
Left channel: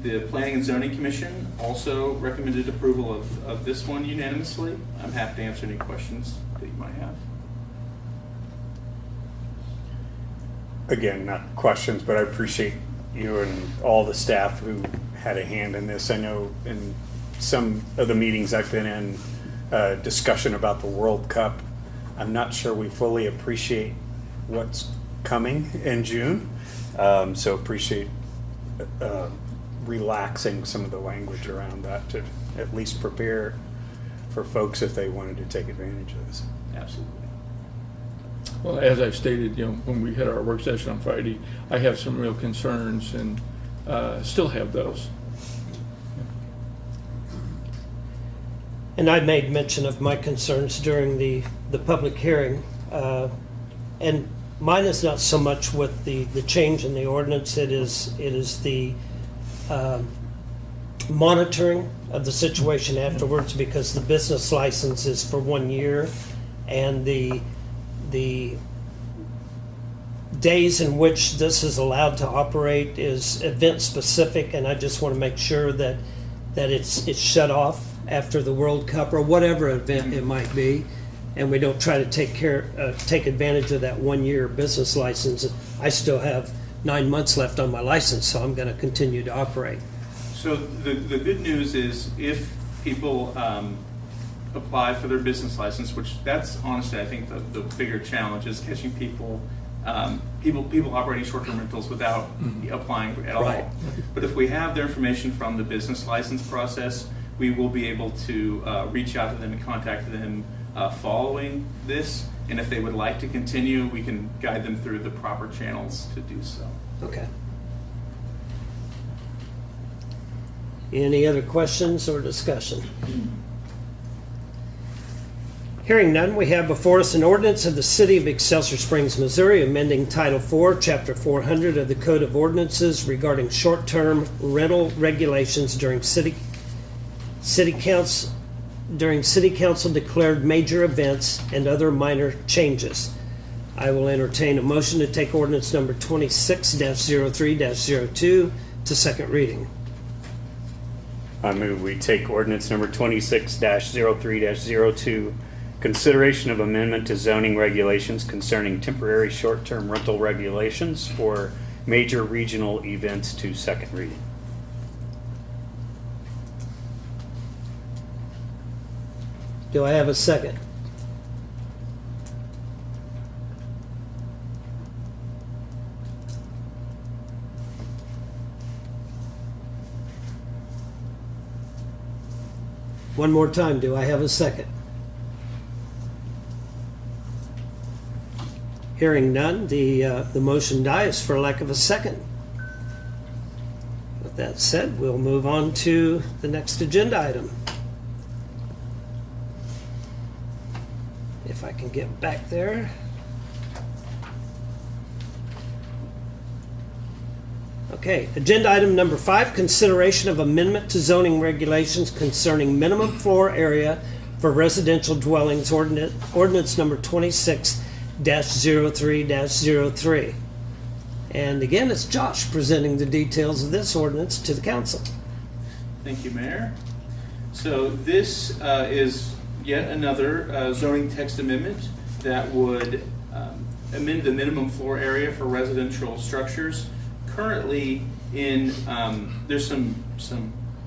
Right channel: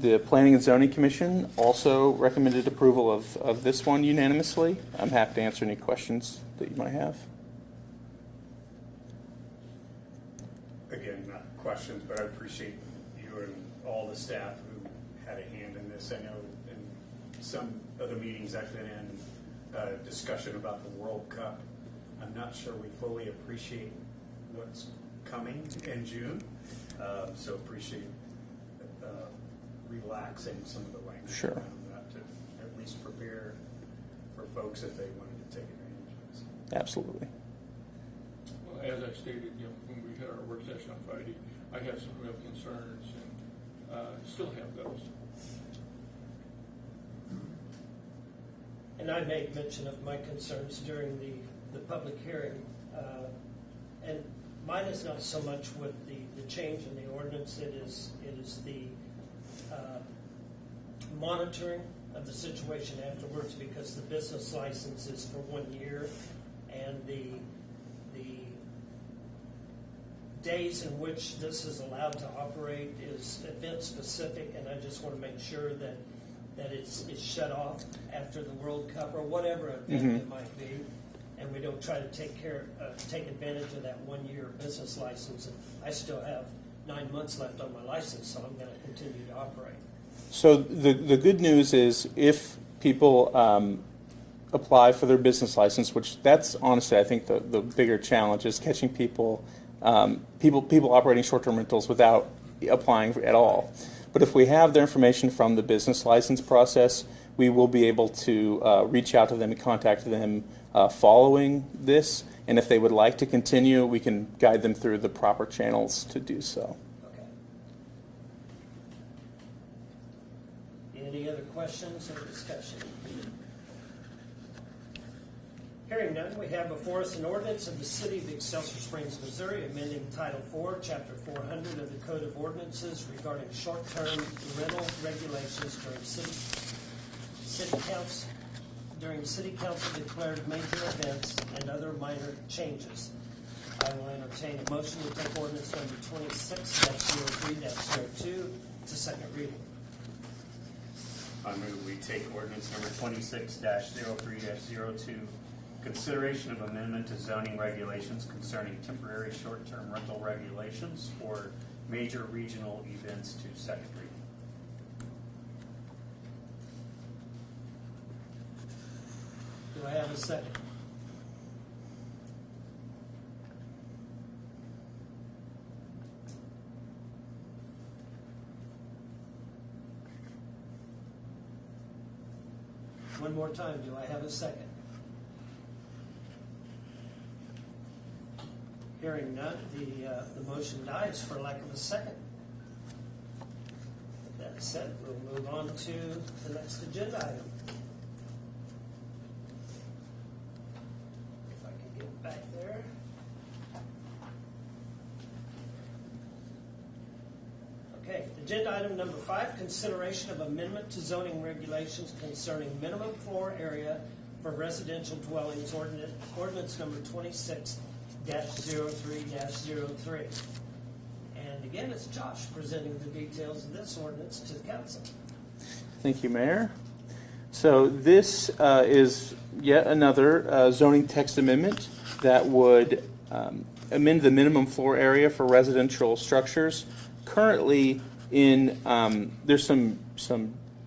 The Planning and Zoning Commission also recommended approval of this one unanimously. I'm happy to answer any questions that you might have. Again, not questions, but I appreciate you and all the staff who had a hand in this. I know in some of the meetings I've been in, discussion about the World Cup, I'm not sure we fully appreciate what's coming in June. So appreciate relaxing some of the language around that to at least prepare for folks if they wanted to take advantage of this. Absolutely. Well, as I've stated, when we had our work session on Friday, I have some real concerns and still have those. And I made mention of my concerns during the public hearing. And mine is not so much with the change in the ordinance, it is the monitoring of the situation afterwards, because the business license is for 1 year, and the days in which this is allowed to operate is event specific, and I just want to make sure that it's shut off after the World Cup or whatever event it might be, and we don't try to take advantage of that 1 year business license. I still have 9 months left on my license, so I'm going to continue to operate. So the good news is if people apply for their business license, which that's honestly I think the bigger challenge is catching people operating short-term rentals without applying at all. Right. But if we have their information from the business license process, we will be able to reach out to them and contact them following this. And if they would like to continue, we can guide them through the proper channels to do so. Okay. Any other questions or discussion? Hearing none, we have before us an ordinance of the City of Excelsior Springs, Missouri, amending Title IV, Chapter 400 of the Code of Ordinances regarding short-term rental regulations during city council declared major events and other minor changes. I will entertain a motion to take ordinance number 26-03-02 to second reading. I move we take ordinance number 26-03-02, consideration of amendment to zoning regulations concerning temporary short-term rental regulations for major regional events to second reading. Do I have a second? One more time, do I have a second? Hearing none, the motion dies for lack of a second. With that said, we'll move on to the next agenda item. If I can get back there. Okay, agenda item number 5, consideration of amendment to zoning regulations concerning minimum floor area for residential dwellings, ordinance number 26-03-03. And again, it's Josh presenting the details of this ordinance to the council. Thank you, Mayor. So this is yet another zoning text amendment that would amend the minimum floor area for residential structures. Currently, there's some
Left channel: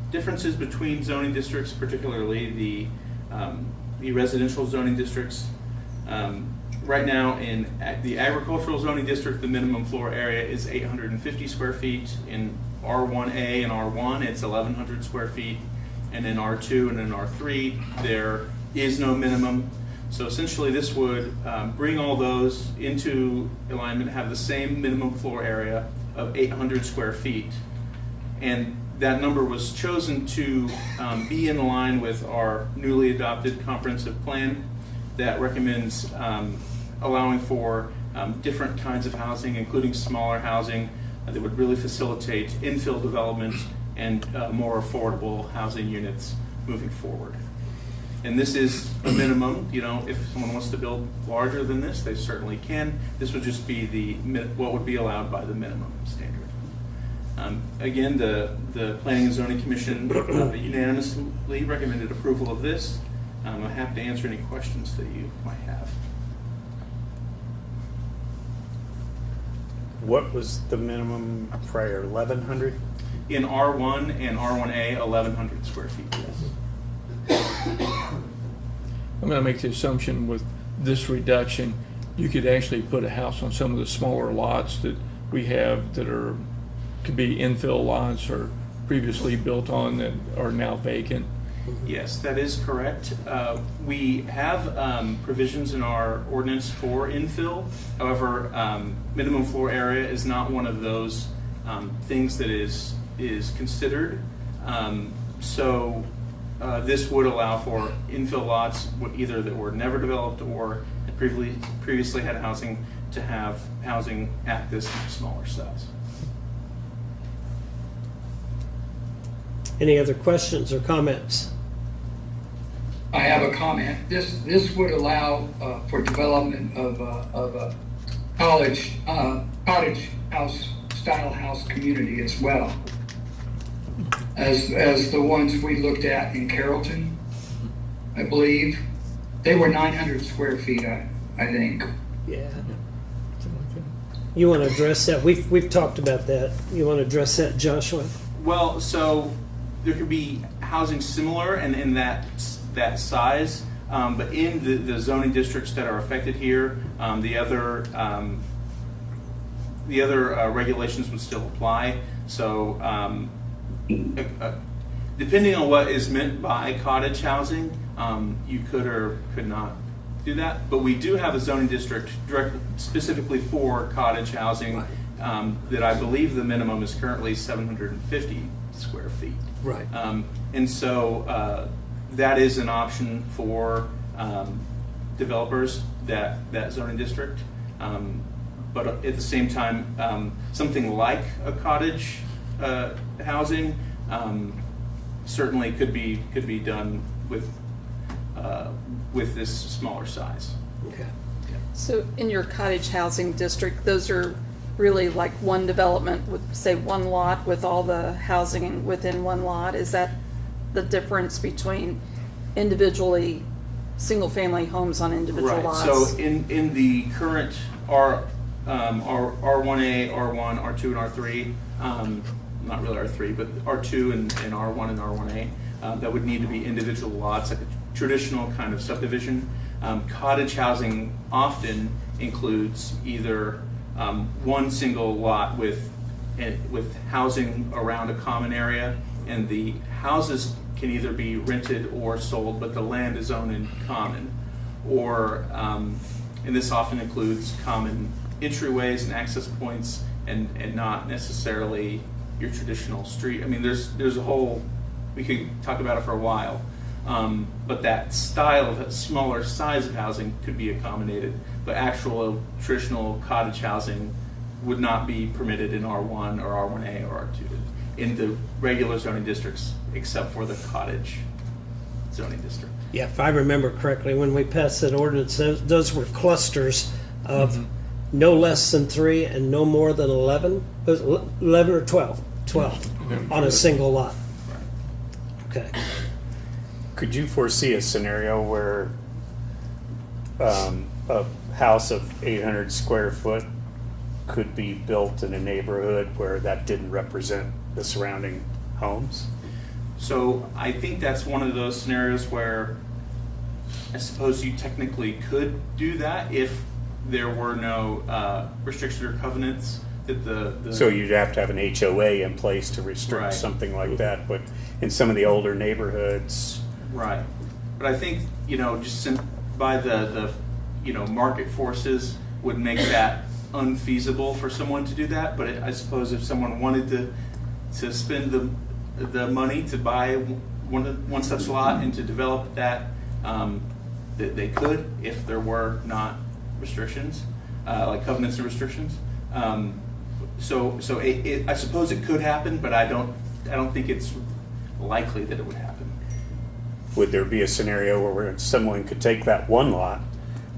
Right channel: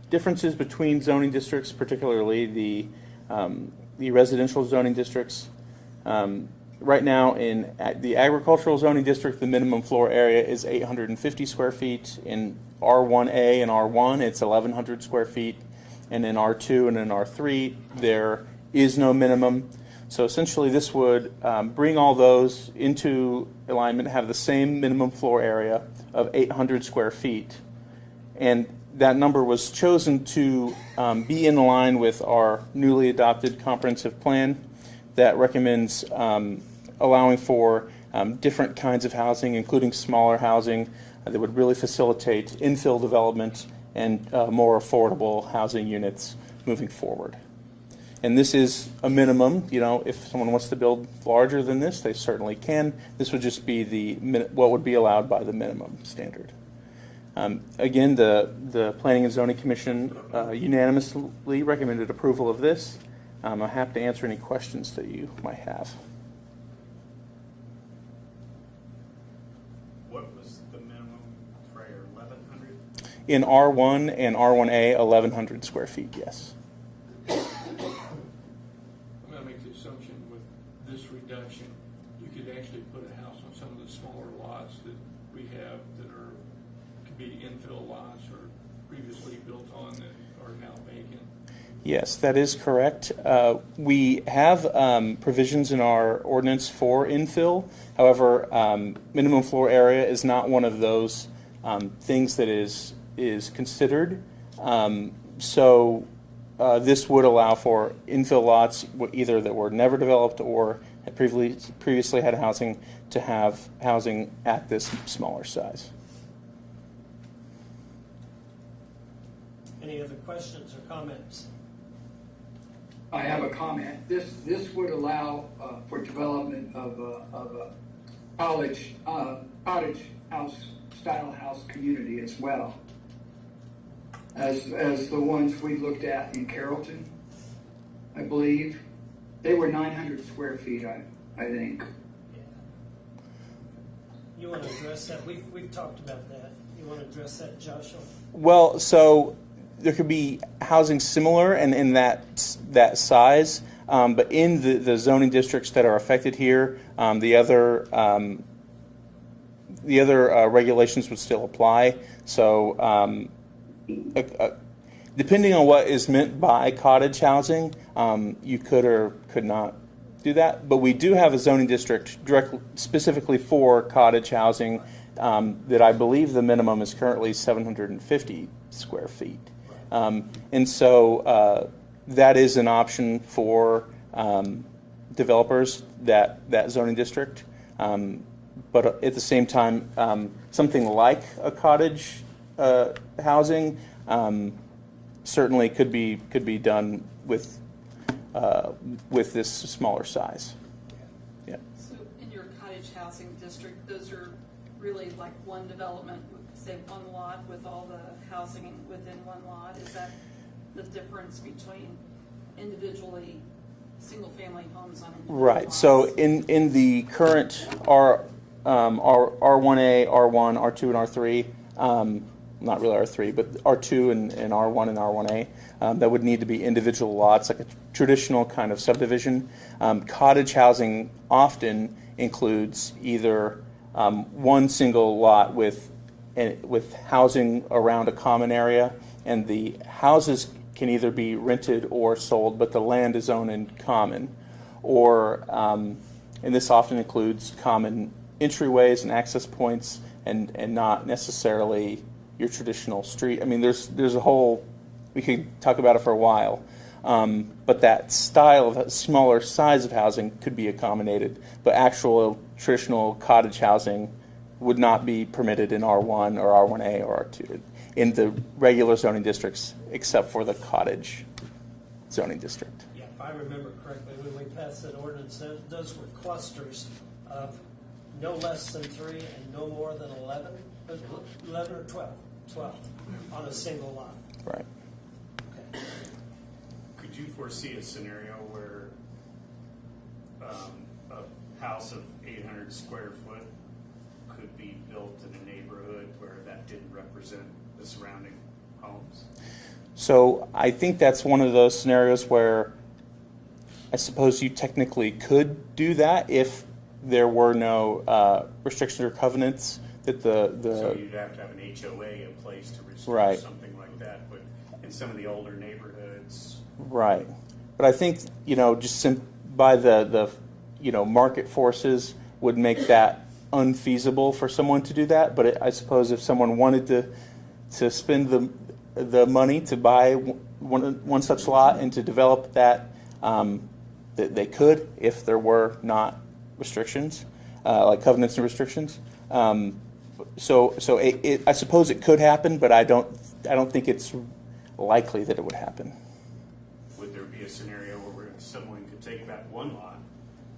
differences between zoning districts, particularly the residential zoning districts. Right now, in the agricultural zoning district, the minimum floor area is 850 square feet. In R1A and R1, it's 1,100 square feet. And in R2 and in R3, there is no minimum. So essentially, this would bring all those into alignment, have the same minimum floor area of 800 square feet. And that number was chosen to be in line with our newly adopted comprehensive plan that recommends allowing for different kinds of housing, including smaller housing that would really facilitate infill development and more affordable housing units moving forward. And this is a minimum. You know, if someone wants to build larger than this, they certainly can. This would just be what would be allowed by the minimum standard. Again, the Planning and Zoning Commission unanimously recommended approval of this. I'm happy to answer any questions that you might have. What was the minimum prior, 1,100? In R1 and R1A, 1,100 square feet, yes. I'm going to make the assumption with this reduction, you could actually put a house on some of the smaller lots that we have that could be infill lots or previously built on that are now vacant. Yes, that is correct. We have provisions in our ordinance for infill. However, minimum floor area is not one of those things that is considered. So this would allow for infill lots, either that were never developed or had previously had housing, to have housing at this smaller size. Any other questions or comments? I have a comment. This would allow for development of a cottage house style house community as well as the ones we looked at in Carrollton. I believe they were 900 square feet. I think. Yeah. You want to address that? We've talked about that. You want to address that, Joshua? Well, so there could be housing similar and in that size, but in the zoning districts that are affected here, the other regulations would still apply. So depending on what is meant by cottage housing, you could or could not do that. But we do have a zoning district specifically for cottage housing that I believe the minimum is currently 750 square feet. Right. And so that is an option for developers, that zoning district. But at the same time, something like a cottage housing certainly could be done with this smaller size. Okay. Yeah. So in your cottage housing district, those are really like one development with, say, one lot with all the housing within one lot? Is that the difference between individually single-family homes on individual right. lots? So in the current R1A, R1, R2, and R3, not really R3, but R2 and R1 and R1A, that would need to be individual lots, like a traditional kind of subdivision. Cottage housing often includes either one single lot with housing around a common area, and the houses can either be rented or sold, but the land is owned in common. Or, and this often includes common entryways and access points, and not necessarily your traditional street. I mean, there's a whole, we could talk about it for a while, but that style of smaller size of housing could be accommodated, but actual traditional cottage housing would not be permitted in R1 or R1A or R2 in the regular zoning districts, except for the cottage zoning district. Yeah, if I remember correctly, when we passed that ordinance, those were clusters of no less than 3 and no more than 11. It was 11 or 12 on a single lot. Right. Okay. Could you foresee a scenario where a house of 800 square foot could be built in a neighborhood where that didn't represent the surrounding homes? So I think that's one of those scenarios where I suppose you technically could do that if there were no restrictions or covenants that the So you'd have to have an HOA in place to restrict Right. something like that, but in some of the older neighborhoods. Right. But I think, just by the market forces would make that unfeasible for someone to do that. But I suppose if someone wanted to spend the money to buy one such lot and to develop that, that they could, if there were not restrictions, like covenants and restrictions. So I suppose it could happen, but I don't think it's likely that it would happen. would there be a scenario where someone could take that one lot,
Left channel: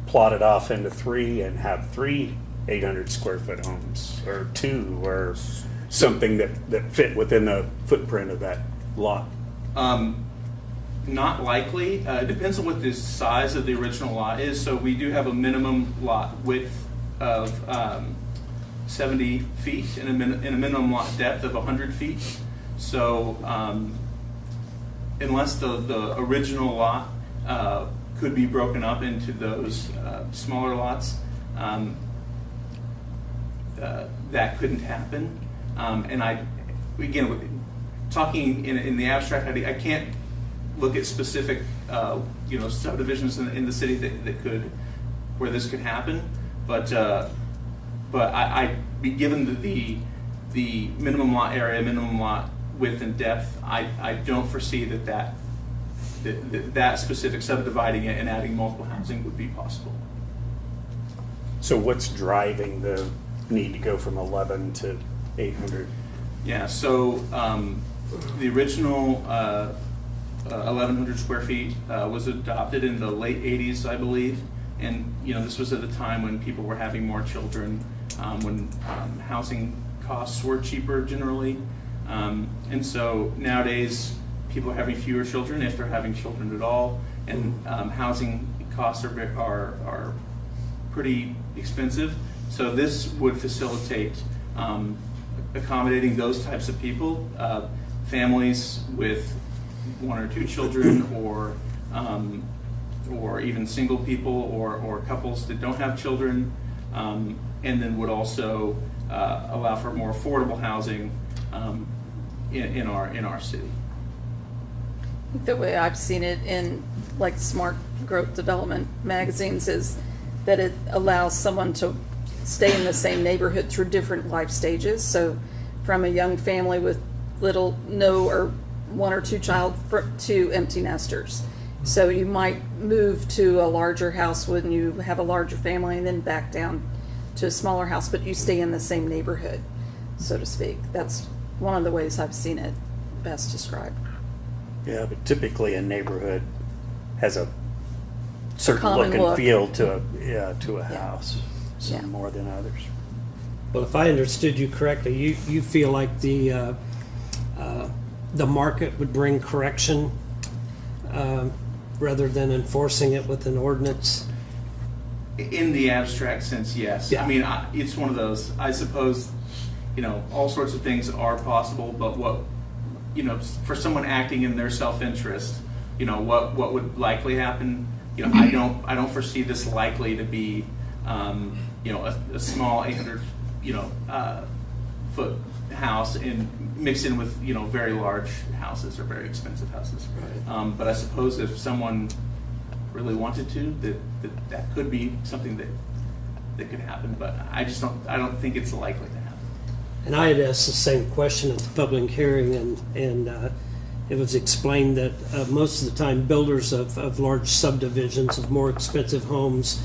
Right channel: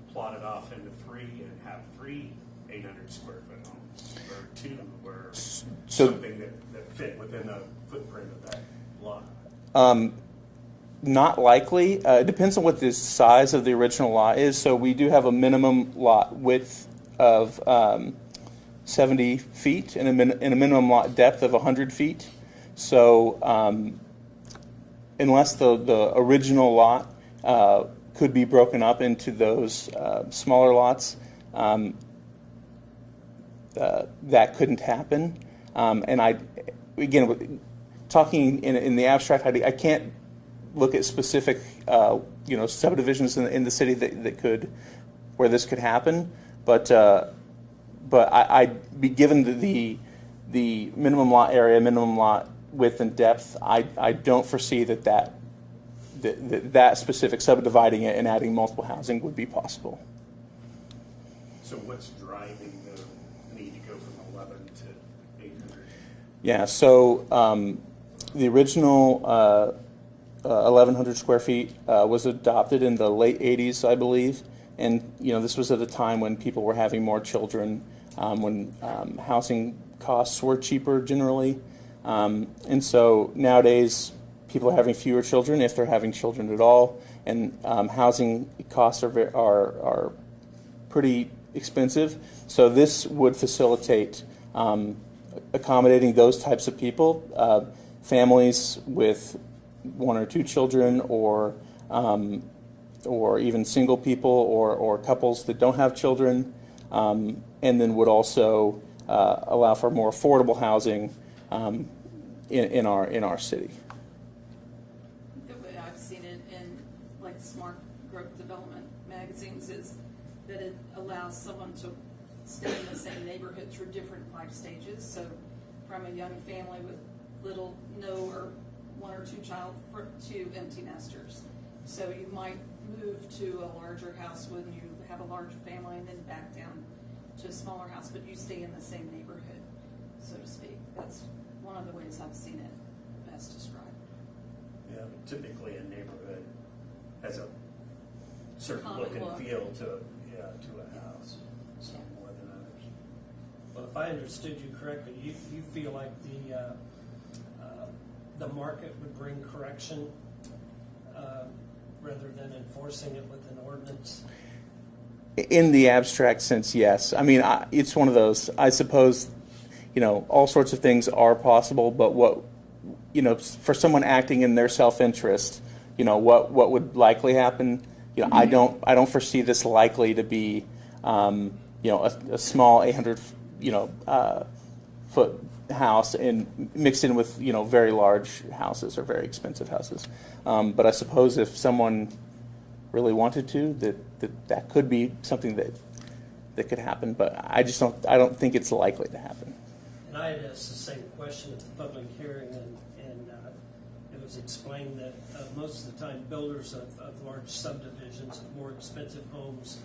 plot it off into 3 and have 3 800 square foot homes, or 2, or something that fit within the footprint of that lot? Not likely. It depends on what the size of the original lot is. So we do have a minimum lot width of 70 feet and a minimum lot depth of 100 feet. So unless the original lot could be broken up into those smaller lots, that couldn't happen. And again, talking in the abstract, I can't look at specific subdivisions in the city that could, where this could happen. But I'd be given the minimum lot area, minimum lot width and depth. I don't foresee that specific subdividing it and adding multiple housing would be possible. So what's driving the need to go from 11 to 800? Yeah, so the original 1,100 square feet was adopted in the late 80s, I believe. And this was at a time when people were having more children, when housing costs were cheaper generally. And so nowadays, people are having fewer children, if they're having children at all, and housing costs are pretty expensive. So this would facilitate accommodating those types of people, families with 1 or 2 children, or even single people or couples that don't have children, and then would also allow for more affordable housing in our city. The way I've seen it in like smart growth development magazines is that it allows someone to stay in the same neighborhood through different life stages. So from a young family with no or 1 or 2 child to empty nesters. So you might move to a larger house when you have a larger family, and then back down to a smaller house, but you stay in the same neighborhood, so to speak. That's one of the ways I've seen it best described. Yeah, but typically a neighborhood has a certain Common look and look. feel to a house, some more than others. Well, if I understood you correctly, you feel like the market would bring correction rather than enforcing it with an ordinance? In the abstract sense, yes. Yeah. I mean, it's one of those. I suppose, all sorts of things are possible, but what, for someone acting in their self-interest, what would likely happen? I don't foresee this likely to be, a small 800, foot house and mixed in with very large houses or very expensive houses. But I suppose if someone really wanted to, that could be something that could happen. But I don't think it's likely to happen. And I had asked the same question at the public hearing, and it was explained that most of the time builders of large subdivisions of more expensive homes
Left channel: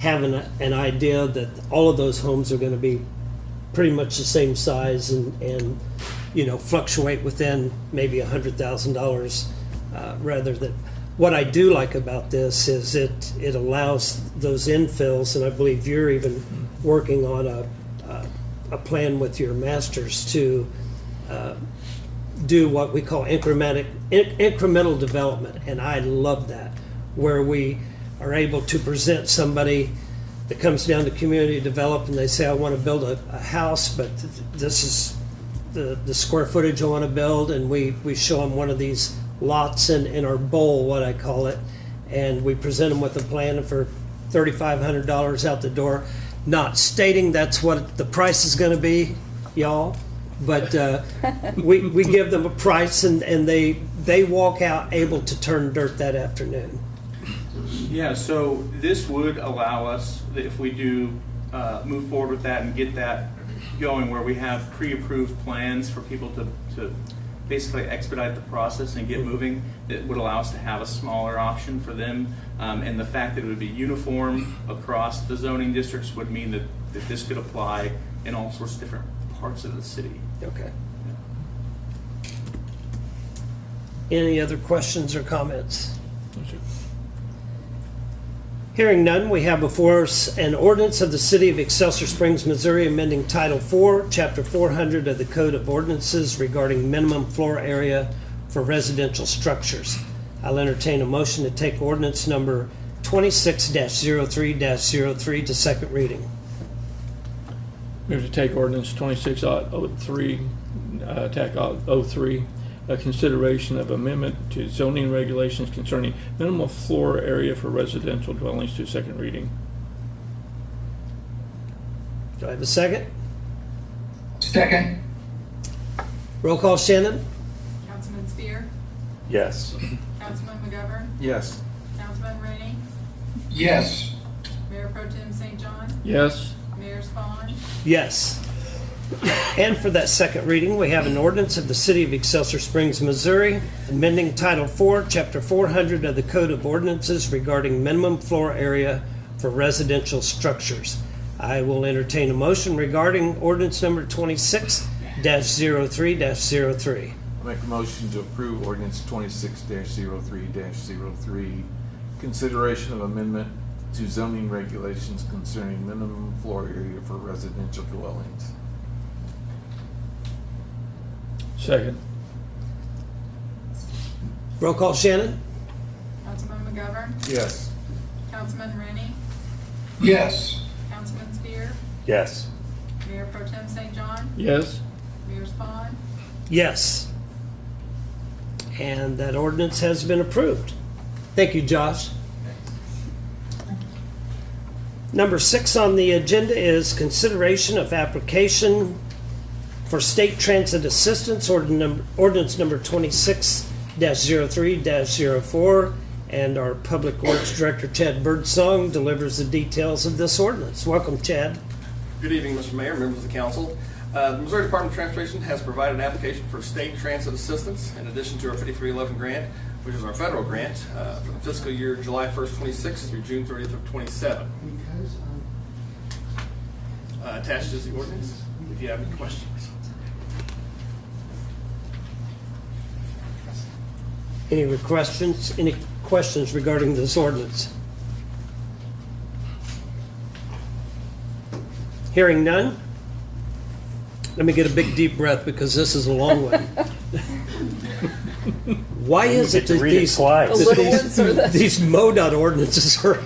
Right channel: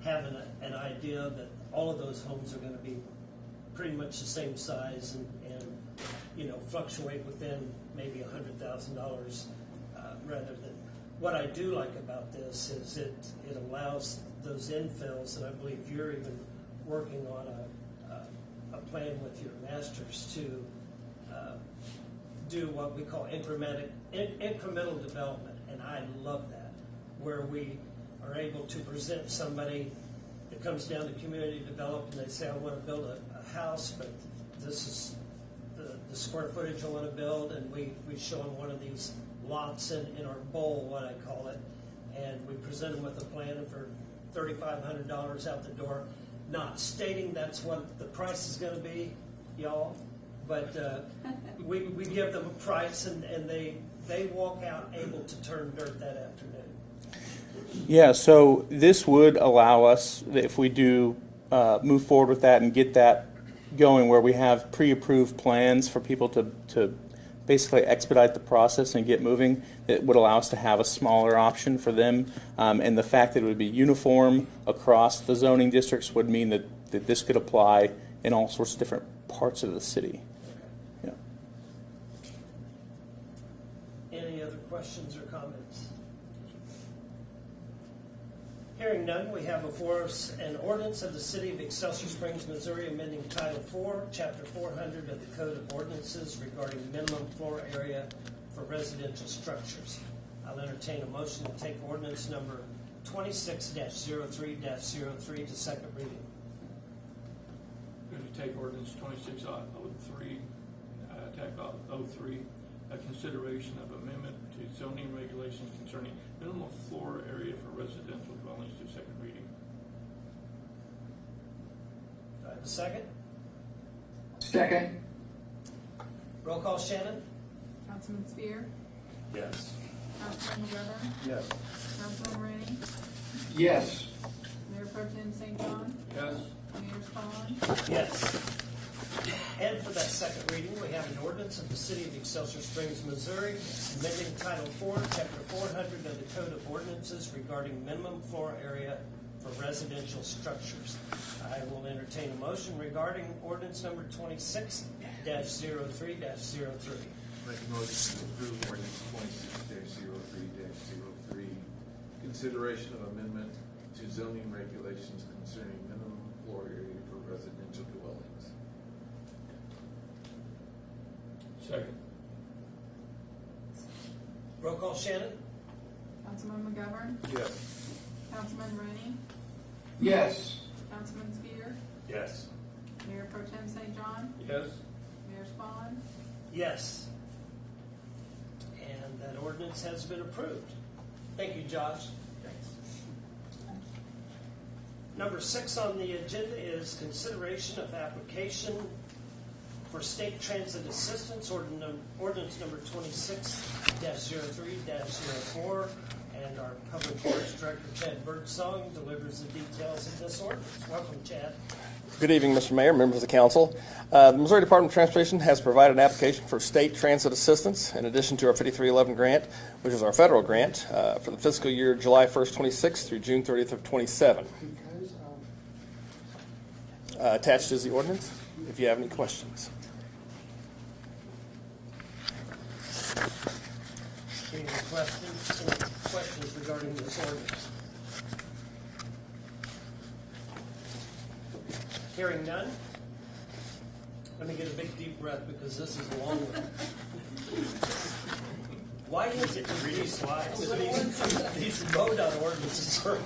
have an idea that all of those homes are going to be pretty much the same size and fluctuate within maybe $100,000 rather than. What I do like about this is it allows those infills, and I believe you're even working on a plan with your masters to do what we call incremental development, and I love that, where we are able to present somebody that comes down to community develop and they say, I want to build a house, but this is the square footage I want to build, and we show them one of these lots in our bowl, what I call it, and we present them with a plan for $3,500 out the door, not stating that's what the price is going to be, y'all, but we give them a price, and they walk out able to turn dirt that afternoon. Yeah, so this would allow us, if we do move forward with that and get that going, where we have pre-approved plans for people to basically expedite the process and get moving, it would allow us to have a smaller option for them. And the fact that it would be uniform across the zoning districts would mean that this could apply in all sorts of different parts of the city. Okay. Yeah. Any other questions or comments? Hearing none, we have before us an ordinance of the City of Excelsior Springs, Missouri, amending Title 4, Chapter 400 of the Code of Ordinances regarding minimum floor area for residential structures. I'll entertain a motion to take ordinance number 26-03-03 to second reading. Move to take ordinance 26-03, TAC 03, a consideration of amendment to zoning regulations concerning minimal floor area for residential dwellings to second reading. Do I have a second? Second. Roll call, Shannon? Councilman Spear, Yes. Councilman McGovern, Yes. Councilman Rennie, Yes. Mayor Pro Tem St. John, Yes. Mayor Spawn, Yes. And for that second reading, we have an ordinance of the City of Excelsior Springs, Missouri, amending Title 4, Chapter 400 of the Code of Ordinances regarding minimum floor area for residential structures. I will entertain a motion regarding ordinance number 26-03-03. I'll make a motion to approve ordinance 26-03-03, consideration of amendment to zoning regulations concerning minimum floor area for residential dwellings. Second. Roll call, Shannon? Councilman McGovern, Yes. Councilman Rennie, Yes. Councilman Spear, Yes. Mayor Pro Tem St. John, Yes. Mayor Spawn, Yes. And that ordinance has been approved. Thank you, Josh. Number 6 on the agenda is consideration of application for state transit assistance, ordinance number 26-03-04, and our Public Works Director, Chad Birdsong, delivers the details of this ordinance. Welcome, Chad. Good evening, Mr. Mayor, members of the council. The Missouri Department of Transportation has provided an application for state transit assistance in addition to our 5311 grant, which is our federal grant for the fiscal year July 1st, 26 through June 30th of 27. Attached is the ordinance, if you have any questions. Any questions regarding this ordinance? Hearing none, let me get a big deep breath because this is a long one. Why is it that these MoDOT ordinances are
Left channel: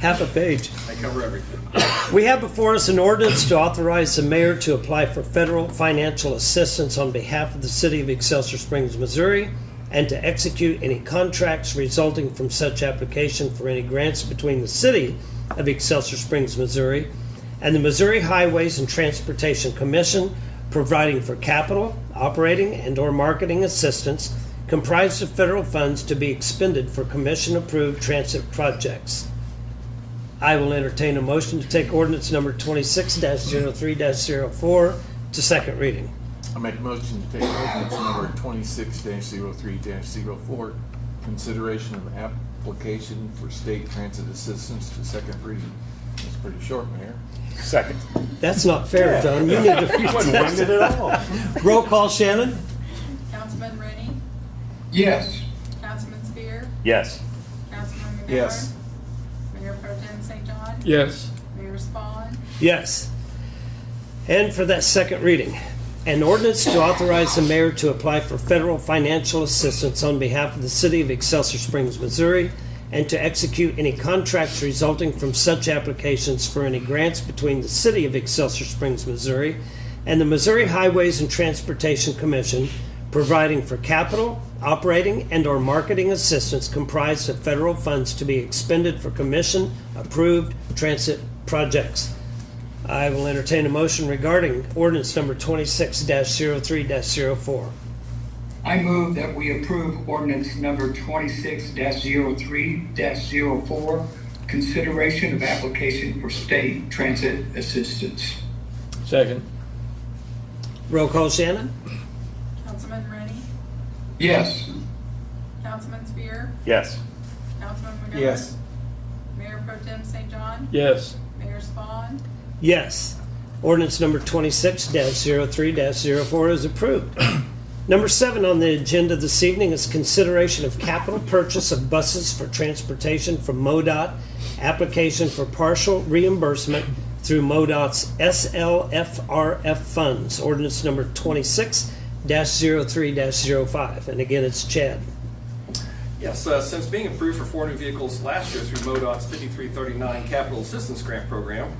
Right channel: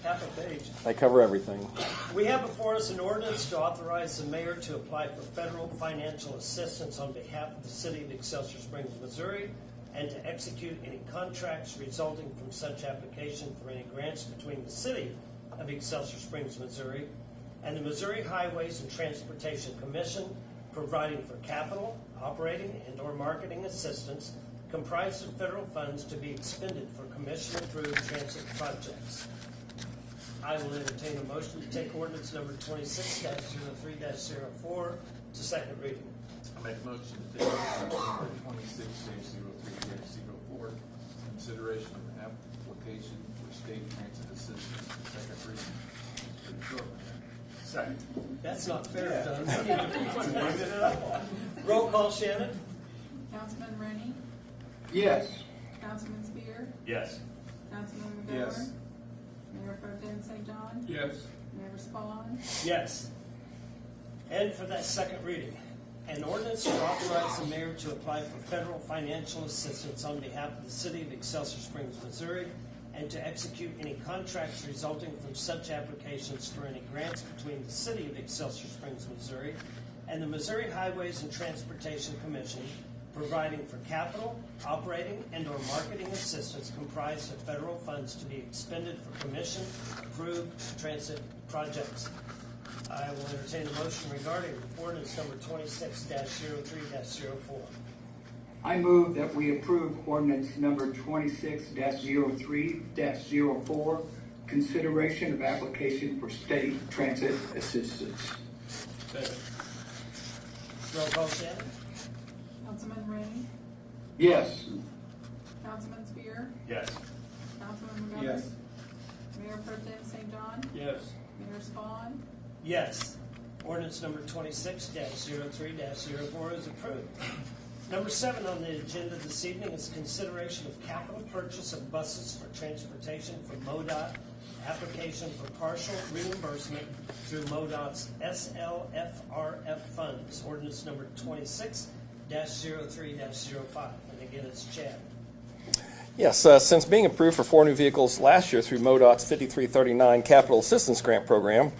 half a page? I cover everything. We have before us an ordinance to authorize the mayor to apply for federal financial assistance on behalf of the City of Excelsior Springs, Missouri, and to execute any contracts resulting from such application for any grants between the City of Excelsior Springs, Missouri, and the Missouri Highways and Transportation Commission, providing for capital, operating, and/or marketing assistance comprised of federal funds to be expended for commission-approved transit projects. I will entertain a motion to take ordinance number 26-03-04 to second reading. I'll make a motion to take ordinance number 26-03-04, consideration of application for state transit assistance to second reading. That's pretty short, Mayor. Second. That's not fair, John. You need to read it at all. Roll call, Shannon? Councilman Rennie, Yes. Councilman Spear, Yes. Councilman McGovern, Yes. Mayor Pro Tem St. John, Yes. Mayor Spawn, Yes. And for that second reading, an ordinance to authorize the mayor to apply for federal financial assistance on behalf of the City of Excelsior Springs, Missouri, and to execute any contracts resulting from such applications for any grants between the City of Excelsior Springs, Missouri, and the Missouri Highways and Transportation Commission, providing for capital, operating, and/or marketing assistance comprised of federal funds to be expended for commission-approved transit projects. I will entertain a motion regarding ordinance number 26-03-04. I move that we approve ordinance number 26-03-04, consideration of application for state transit assistance. Second. Roll call, Shannon? Councilman Rennie, Yes. Councilman Spear, Yes. Councilman McGovern, Yes. Mayor Pro Tem St. John, Yes. Mayor Spawn, Yes. Ordinance number 26-03-04 is approved. Number 7 on the agenda this evening is consideration of capital purchase of buses for transportation from MoDOT, application for partial reimbursement through MoDOT's SLFRF funds, ordinance number 26-03-05. And again, it's Chad. Yes, since being approved for 4 new vehicles last year through MoDOT's 5339 Capital Assistance Grant Program,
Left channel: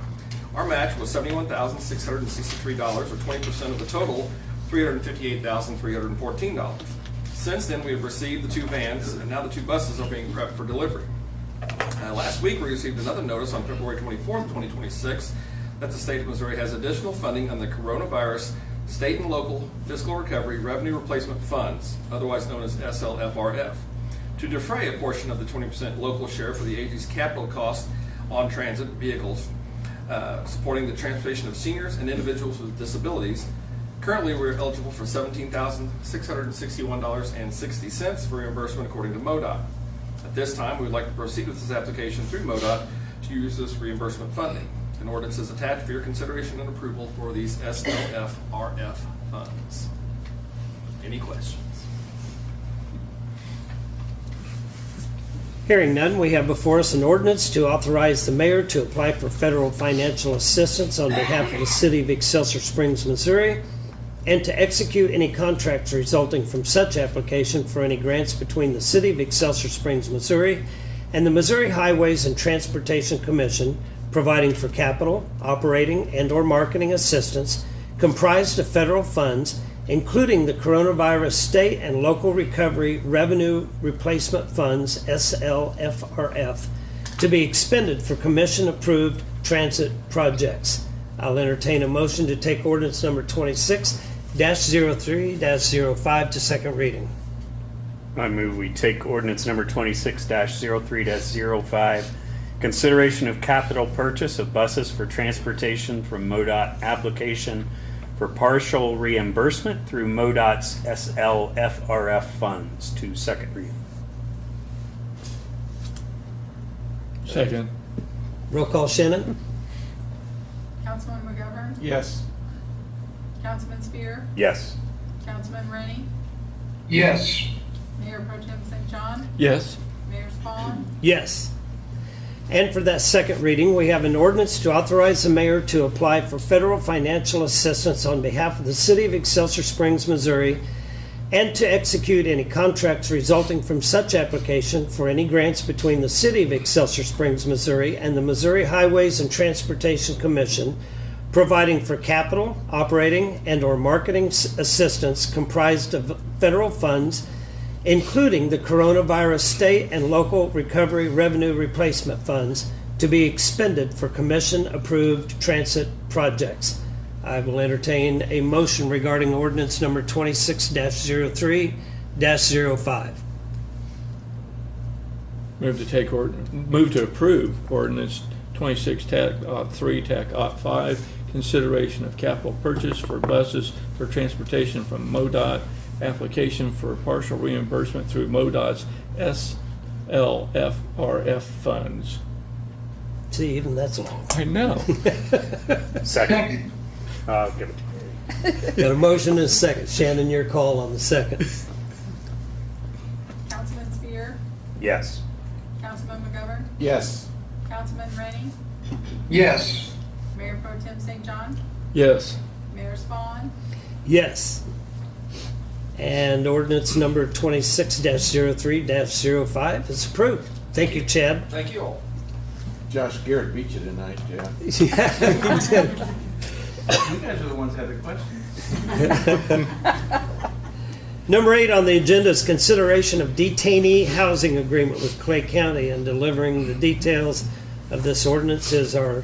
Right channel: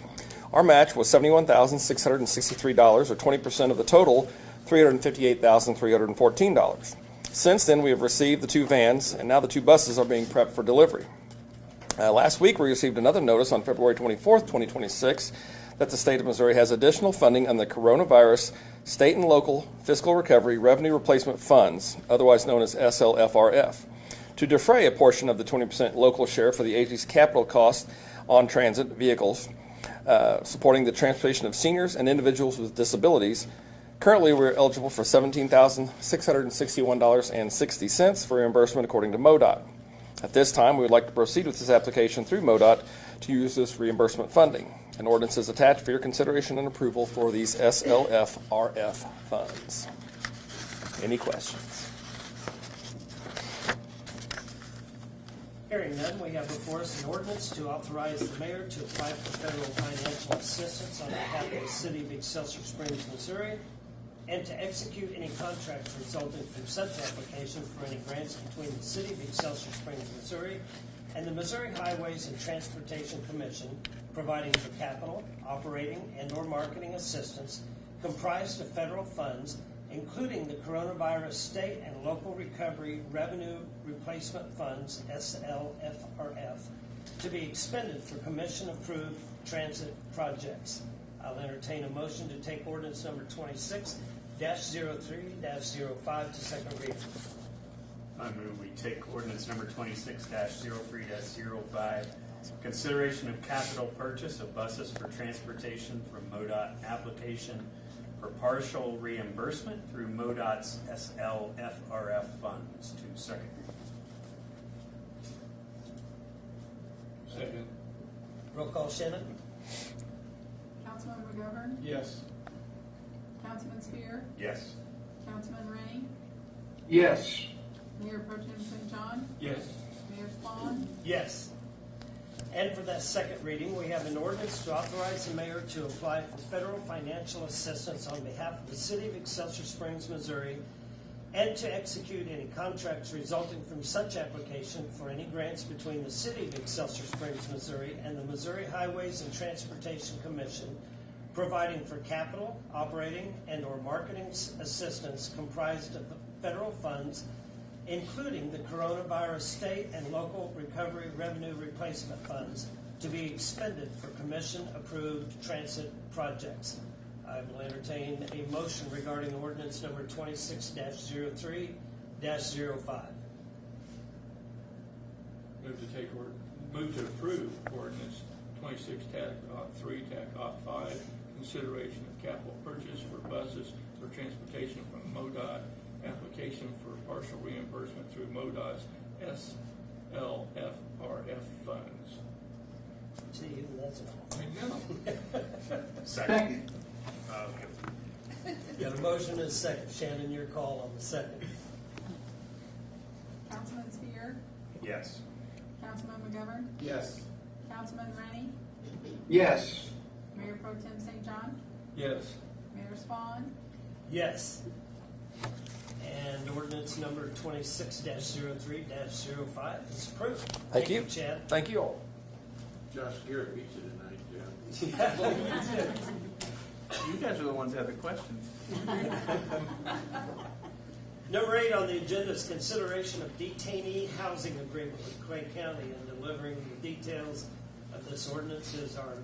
our match was $71,663, or 20% of the total, $358,314. Since then, we have received the 2 vans, and now the 2 buses are being prepped for delivery. Last week, we received another notice on February 24th, 2026, that the state of Missouri has additional funding on the coronavirus state and local fiscal recovery revenue replacement funds, otherwise known as SLFRF, to defray a portion of the 20% local share for the agency's capital costs on transit vehicles, supporting the transportation of seniors and individuals with disabilities. Currently, we're eligible for $17,661.60 for reimbursement according to MoDOT. At this time, we would like to proceed with this application through MoDOT to use this reimbursement funding. An ordinance is attached for your consideration and approval for these SLFRF funds. Any questions? Hearing none, we have before us an ordinance to authorize the mayor to apply for federal financial assistance on behalf of the city of Excelsior Springs, Missouri, and to execute any contracts resulting from such application for any grants between the city of Excelsior Springs, Missouri, and the Missouri Highways and Transportation Commission, providing for capital, operating, and/or marketing assistance comprised of federal funds, including the Coronavirus State and Local Recovery Revenue Replacement Funds, SLFRF, to be expended for commission-approved transit projects. I'll entertain a motion to take ordinance number 26-03-05 to second reading. I move we take ordinance number 26-03-05, consideration of capital purchase of buses for transportation from MoDOT, application for partial reimbursement through MoDOT's SLFRF funds to second reading. Second. Roll call, Shannon. Councilman McGovern? Yes. Councilman Spear? Yes. Councilman Rennie? Yes. Mayor Pro Tem St. John? Yes. Mayor Spawn? Yes. And for that second reading, we have an ordinance to authorize the mayor to apply for federal financial assistance on behalf of the city of Excelsior Springs, Missouri, and to execute any contracts resulting from such application for any grants between the city of Excelsior Springs, Missouri, and the Missouri Highways and Transportation Commission, providing for capital, operating, and/or marketing assistance comprised of federal funds, including the Coronavirus State and Local Recovery Revenue Replacement Funds, to be expended for commission-approved transit projects. I will entertain a motion regarding ordinance number 26-03-05. Move to approve ordinance 26-3-5, consideration of capital purchase for buses for transportation from MoDOT, application for partial reimbursement through MoDOT's SLFRF funds. See, even that's long. I know. Second. I'll give it to you. Got a motion and a second. Shannon, your call on the second. Councilman Spear? Yes. Councilman McGovern? Yes. Councilman Rennie? Yes. Mayor Pro Tem St. John? Yes. Mayor Spawn? Yes. And ordinance number 26-03-05 is approved. Thank you, Chad. Thank you all. Josh Garrett beat you tonight, Chad. Yeah, he did. You guys are the ones that have the questions. Number 8 on the agenda is consideration of detainee housing agreement with Clay County, and delivering the details of this ordinance is our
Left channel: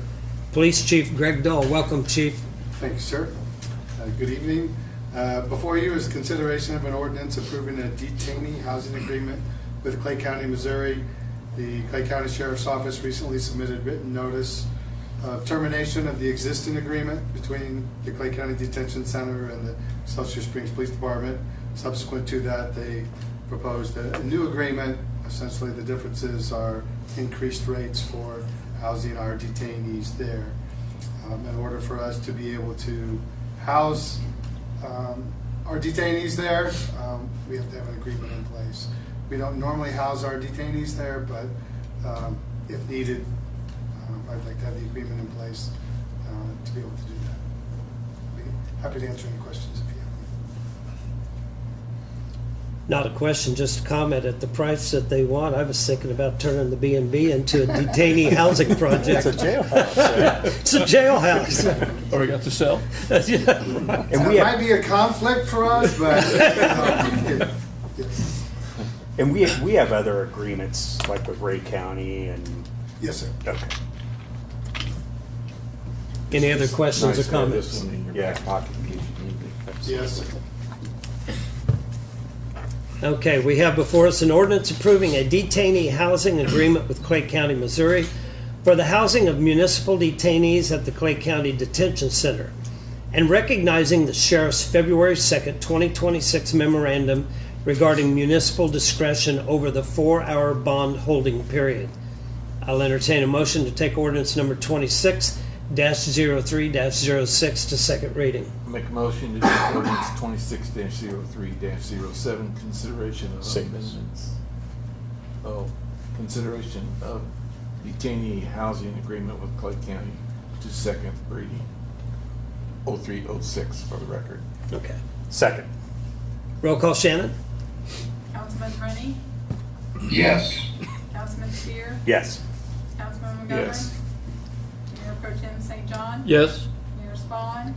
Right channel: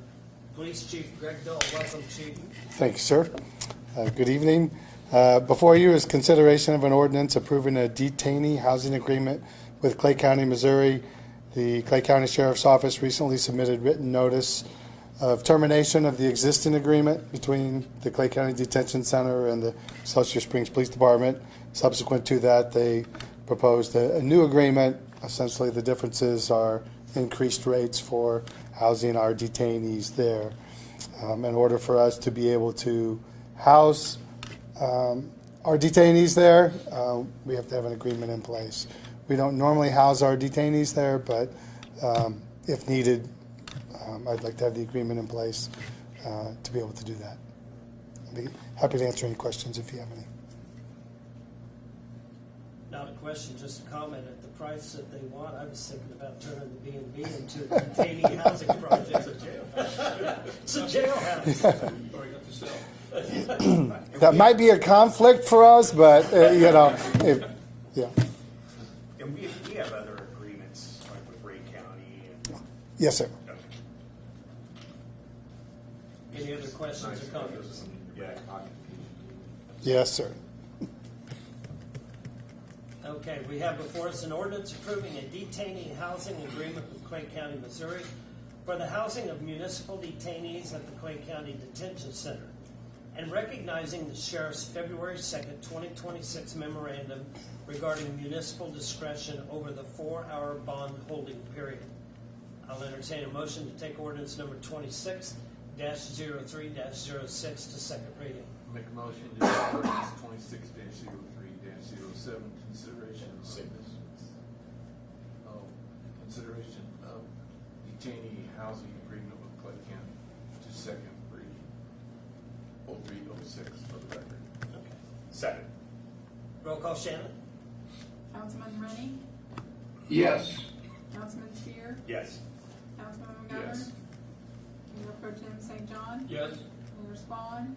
Police Chief Greg Dull. Welcome, Chief. Thank you, sir. Good evening. Before you is consideration of an ordinance approving a detainee housing agreement with Clay County, Missouri. The Clay County Sheriff's Office recently submitted written notice of termination of the existing agreement between the Clay County Detention Center and the Excelsior Springs Police Department. Subsequent to that, they proposed a new agreement. Essentially, the differences are increased rates for housing our detainees there. In order for us to be able to house our detainees there, we have to have an agreement in place. We don't normally house our detainees there, but if needed, I'd like to have the agreement in place to be able to do that. I'd be happy to answer any questions if you have any. Not a question, just a comment. At the price that they want, I was thinking about turning the B&B into a detainee housing project. It's a jailhouse. It's a jailhouse. Or we got to sell. That might be a conflict for us, but yeah. And we have other agreements, like with Ray County and... Yes, sir. Okay. Any other questions Nice or to have comments? this one in your back pocket in case you need it. Yes, sir. Okay, we have before us an ordinance approving a detainee housing agreement with Clay County, Missouri for the housing of municipal detainees at the Clay County Detention Center and recognizing the Sheriff's February 2nd, 2026 memorandum regarding municipal discretion over the 4-hour bond holding period. I'll entertain a motion to take ordinance number 26-03-06 to second reading. Make a motion to take ordinance 26-03-07, consideration of amendments. Consideration of detainee housing agreement with Clay County to second reading. 0306 for the record. Okay. Second. Roll call, Shannon? Councilman Rennie? Yes. Councilman Spear? Yes. Councilman McGovern? Yes. Mayor Pro Tem St. John? Yes. Mayor Spawn?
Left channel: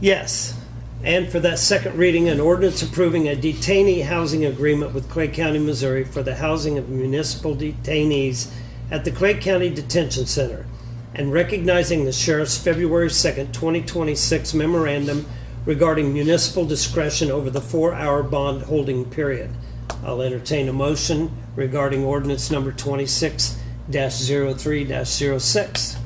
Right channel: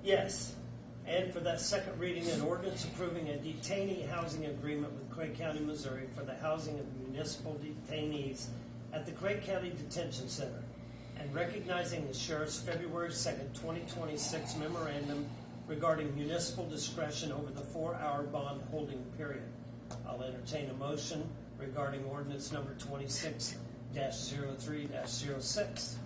Yes. And for that second reading, an ordinance approving a detainee housing agreement with Clay County, Missouri for the housing of municipal detainees at the Clay County Detention Center and recognizing the Sheriff's February 2nd, 2026 memorandum regarding municipal discretion over the 4-hour bond holding period. I'll entertain a motion regarding ordinance number 26-03-06.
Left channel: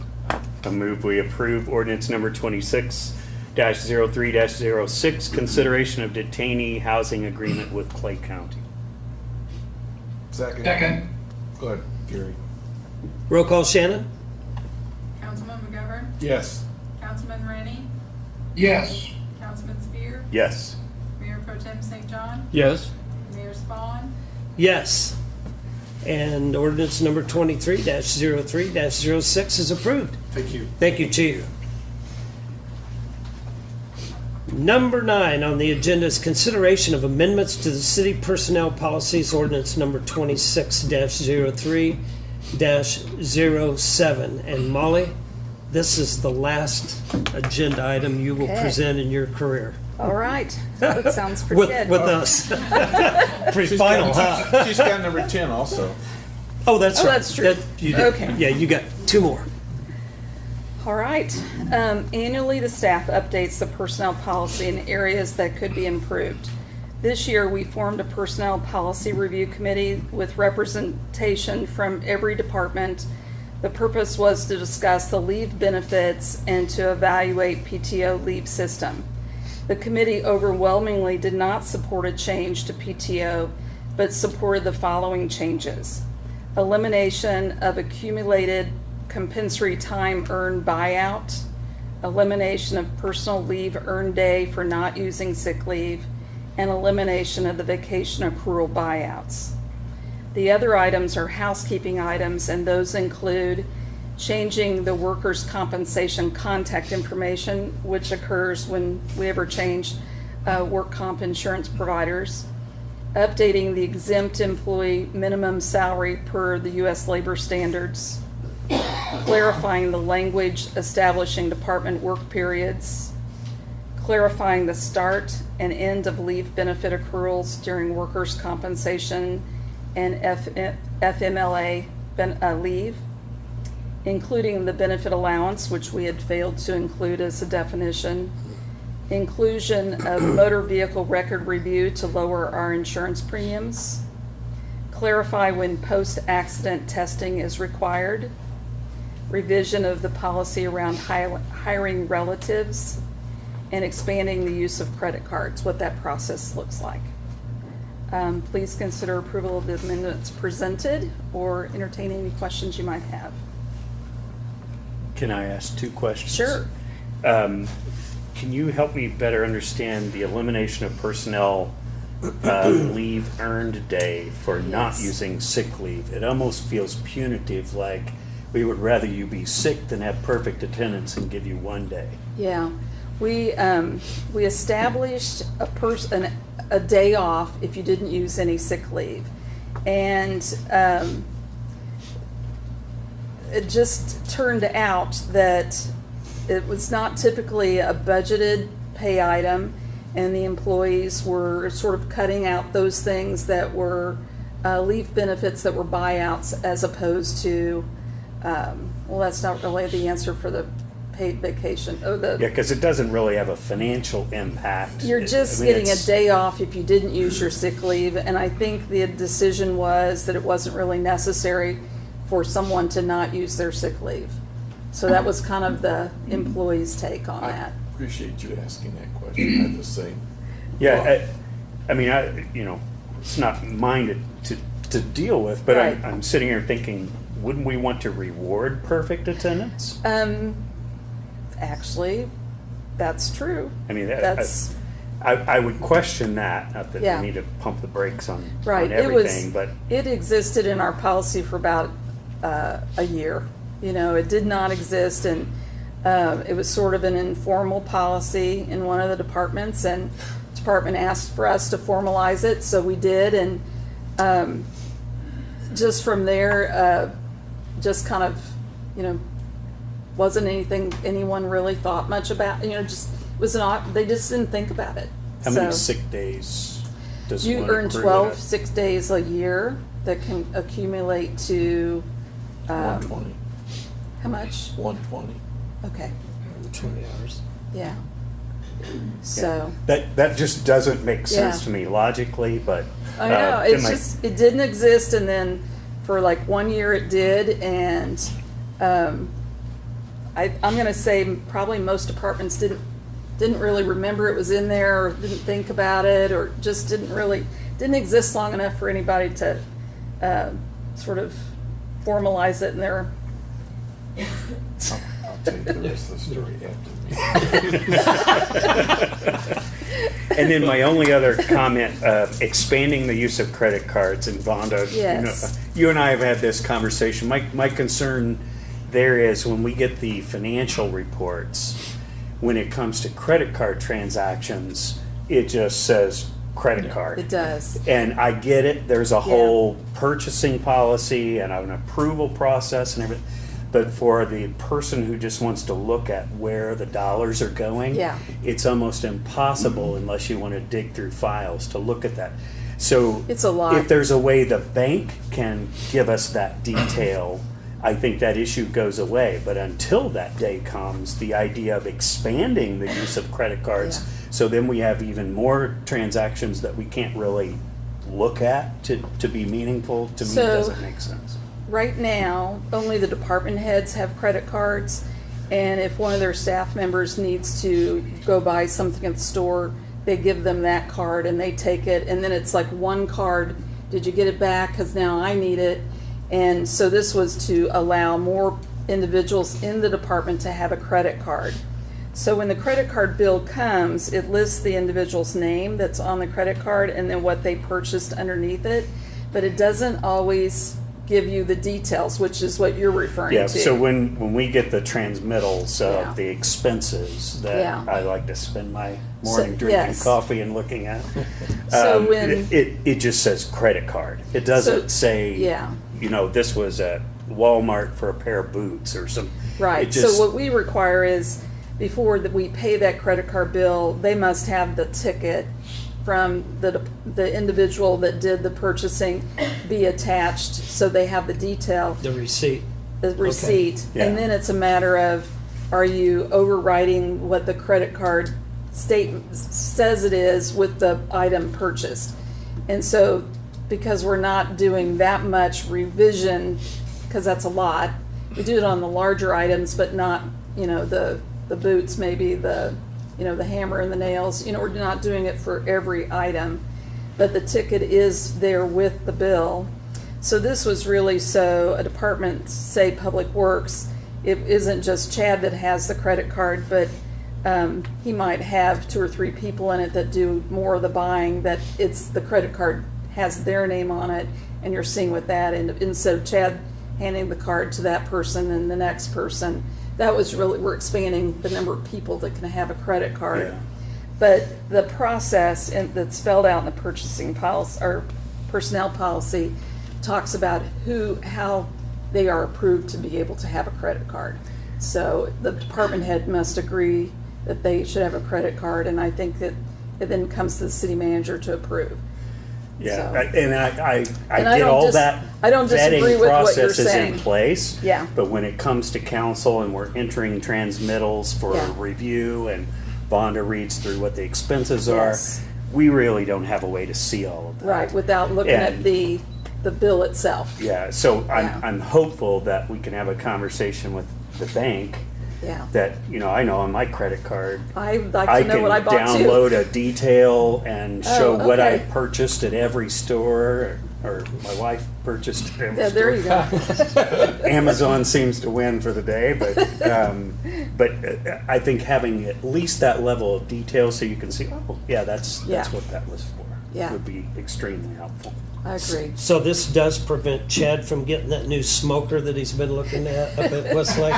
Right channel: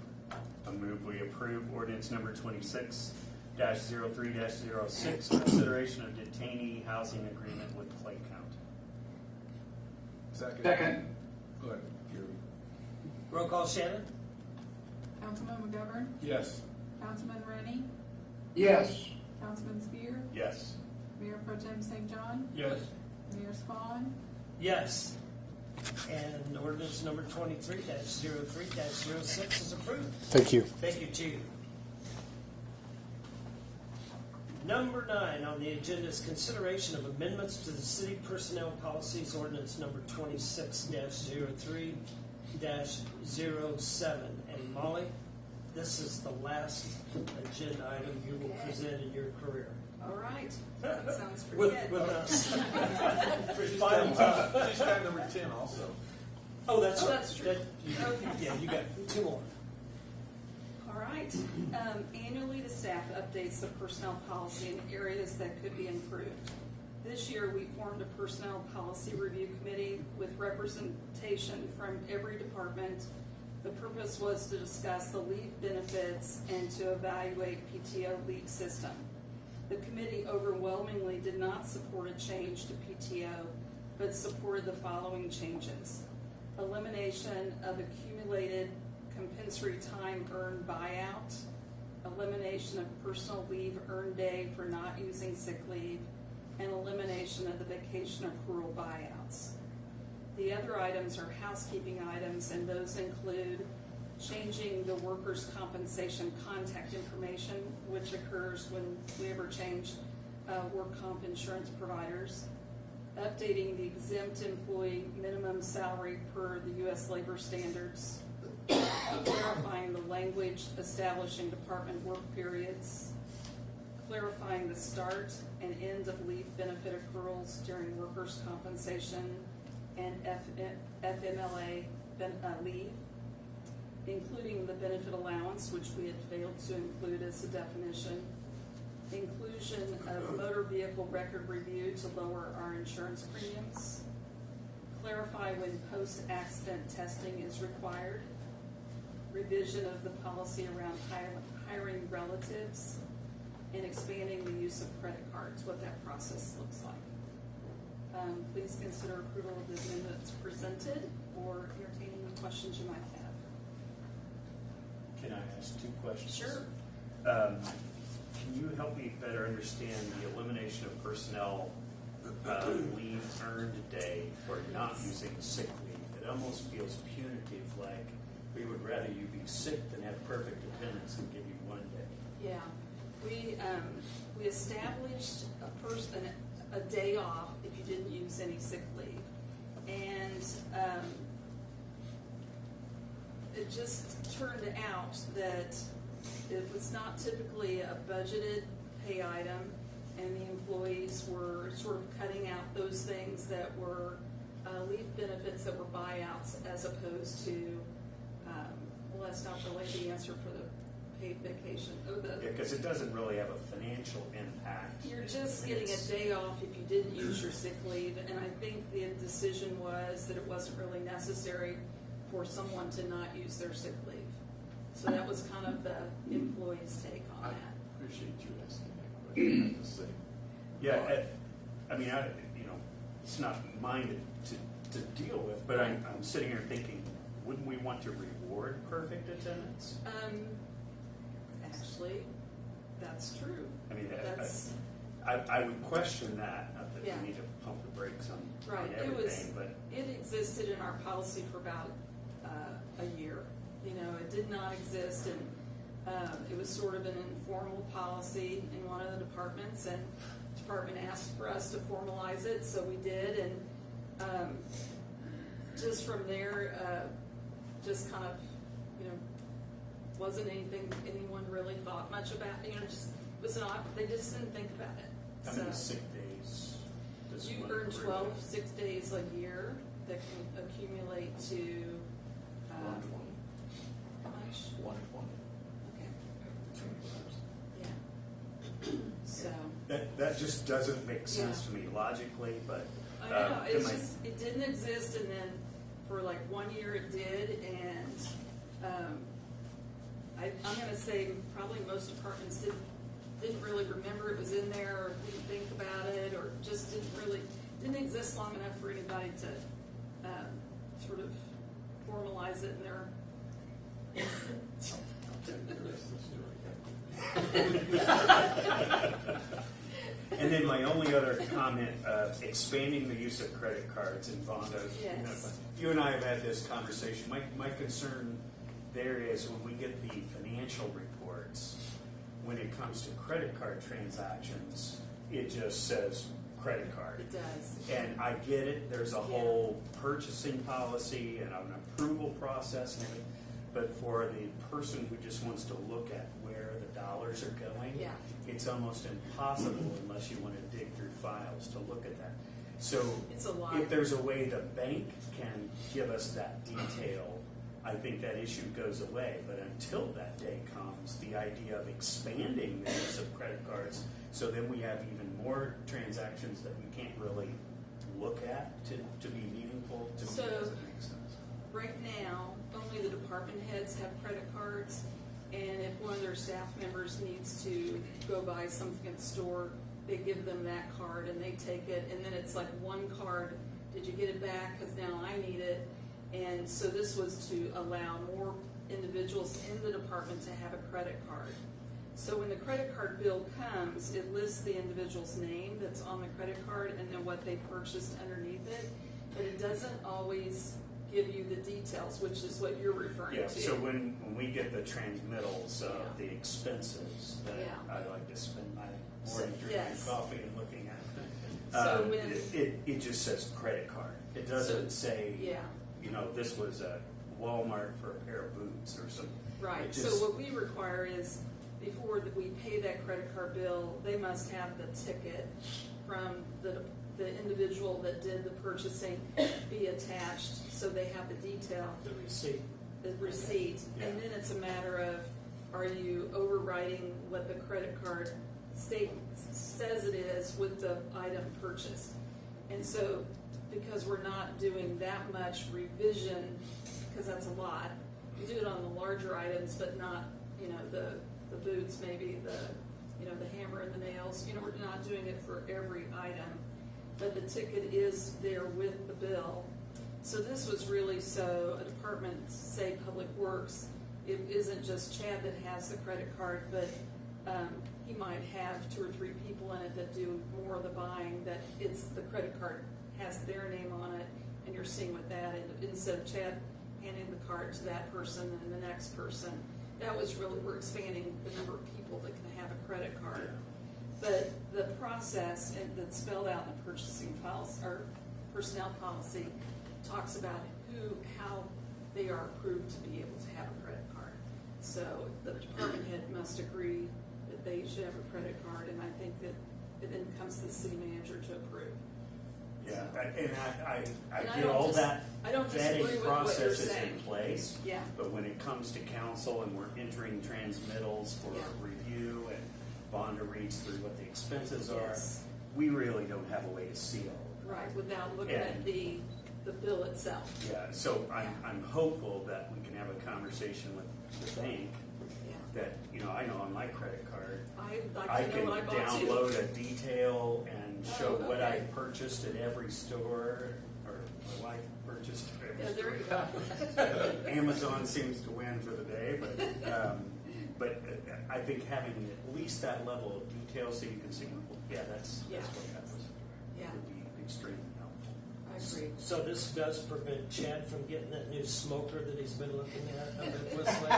I move we approve ordinance number 26-03-06, consideration of detainee housing agreement with Clay County. Second. Second. Go ahead, Gary. Roll call, Shannon? Councilman McGovern? Yes. Councilman Rennie? Yes. Councilman Spear? Yes. Mayor Pro Tem St. John? Yes. Mayor Spawn? Yes. And ordinance number 23-03-06 is approved. Thank you. Thank you, Chief. Number 9 on the agenda is consideration of amendments to the city personnel policies, ordinance number 26-03-07. And Molly, this is the last agenda item you will Okay. present in your career. All right, that sounds pretty good. With us. Pretty She's final, got, huh? she's got number 10 also. Oh, that's Oh, right. that's true. You did. Okay. Yeah, you got 2 more. All right. Annually, the staff updates the personnel policy in areas that could be improved. This year, we formed a personnel policy review committee with representation from every department. The purpose was to discuss the leave benefits and to evaluate PTO leave system. The committee overwhelmingly did not support a change to PTO, but supported the following changes: elimination of accumulated compensatory time earned buyout, elimination of personal leave earned day for not using sick leave, and elimination of the vacation accrual buyouts. The other items are housekeeping items, and those include changing the workers' compensation contact information, which occurs when we ever change work comp insurance providers, updating the exempt employee minimum salary per the U.S. labor standards, clarifying the language establishing department work periods, clarifying the start and end of leave benefit accruals during workers' compensation and FMLA leave, including the benefit allowance, which we had failed to include as a definition, inclusion of motor vehicle record review to lower our insurance premiums, clarify when post-accident testing is required, revision of the policy around hiring relatives, and expanding the use of credit cards, what that process looks like. Please consider approval of the amendments presented or entertain any questions you might have. Can I ask 2 questions? Sure. can you help me better understand the elimination of personnel leave earned day for not using sick leave? It almost feels punitive, like we would rather you be sick than have perfect attendance and give you 1 day. Yeah, we established a day off if you didn't use any sick leave, and it just turned out that it was not typically a budgeted pay item, and the employees were sort of cutting out those things that were leave benefits that were buyouts, as opposed to, well, that's not really the answer for the paid vacation. Yeah, because it doesn't really have a financial impact. You're just getting a day off if you didn't use your sick leave, and I think the decision was that it wasn't really necessary for someone to not use their sick leave. So that was kind of the employee's take on that. Appreciate you asking that question. I had the same. Yeah, I mean, it's not mine to deal with, but Right. I'm sitting here thinking, wouldn't we want to reward perfect attendance? Actually, that's true. I mean, that's I would question that. Not that Yeah. we need to pump the brakes on It everything, but existed in our policy for about a year. You know, it did not exist, and it was sort of an informal policy in one of the departments, and the department asked for us to formalize it, so we did, and just from there, just kind of, wasn't anything anyone really thought much about. Just was not. They just didn't think about it. how many sick days does You one earn accrue 12 at? 6 days a year that can accumulate to 120. how much? 120. Okay. 20 hours. Yeah. So That just doesn't make sense Yeah. to me logically, but I know it might- it didn't exist, and then for like 1 year it did, and I'm going to say probably most departments didn't really remember it was in there, or didn't think about it, or just didn't exist long enough for anybody to sort of formalize it in their. I'll tell you the rest of the story after. And then my only other comment, expanding the use of credit cards, and Vonda, Yes. you and I have had this conversation. My concern there is when we get the financial reports, when it comes to credit card transactions, it just says credit card. It does. And I get it, there's a whole purchasing policy and an approval process and everything. But for the person who just wants to look at where the dollars are going, Yeah. it's almost impossible unless you want to dig through files to look at that. So It's a lot. if there's a way the bank can give us that detail, I think that issue goes away. But until that day comes, the idea of expanding the use of credit cards, so then we have even more transactions that we can't really look at to be meaningful, to me So- doesn't make sense. Right now, only the department heads have credit cards, and if one of their staff members needs to go buy something at the store, they give them that card and they take it, and then it's like one card. Did you get it back? Because now I need it. And so this was to allow more individuals in the department to have a credit card. So when the credit card bill comes, it lists the individual's name that's on the credit card and then what they purchased underneath it, but it doesn't always give you the details, which is what you're referring Yeah, to. so when we get the transmittals of Yeah. the expenses that Yeah. I like to spend my morning So- drinking yes. coffee and looking at, So when- it just says credit card. It doesn't say, yeah. This was at Walmart for a pair of boots or some. Right, It just, so what we require is, before that we pay that credit card bill, they must have the ticket from the individual that did the purchasing be attached, so they have the detail. The receipt. The receipt, Yeah. and then it's a matter of, are you overriding what the credit card statement says it is with the item purchased? And so, because we're not doing that much revision, because that's a lot, we do it on the larger items, but not, the boots, maybe the hammer and the nails, we're not doing it for every item, but the ticket is there with the bill. So this was really so a department, say Public Works, it isn't just Chad that has the credit card, but he might have 2 or 3 people in it that do more of the buying, that it's the credit card has their name on it, and you're seeing with that, and instead of Chad handing the card to that person and the next person, that was really, we're expanding the number of people that can have a credit card. Yeah. But the process that's spelled out in the purchasing policy or personnel policy talks about how they are approved to be able to have a credit card. So the department head must agree that they should have a credit card, and I think that it then comes to the city manager to approve. Yeah, So. and I And get all that I don't disagree vetting with what you're process is saying. in place. Yeah. But when it comes to council and we're entering transmittals for Yeah. review and Vonda reads through what the expenses Yes. are, we really don't have a way to see all of that. Right, without looking And- at the bill itself. Yeah, so Yeah. I'm hopeful that we can have a conversation with the bank Yeah. that, I know on my credit card, I'd like to know what I bought can too. download a detail and show Oh, what I okay. purchased at every store, or my wife purchased at every Yeah, store. there you go. Amazon seems to win for the day, but I think having at least that level of detail so you can see, oh, yeah, that's Yeah. what that was for, Yeah. would be extremely helpful. I agree. So this does prevent Chad from getting that new smoker that he's been looking at up at Westlake?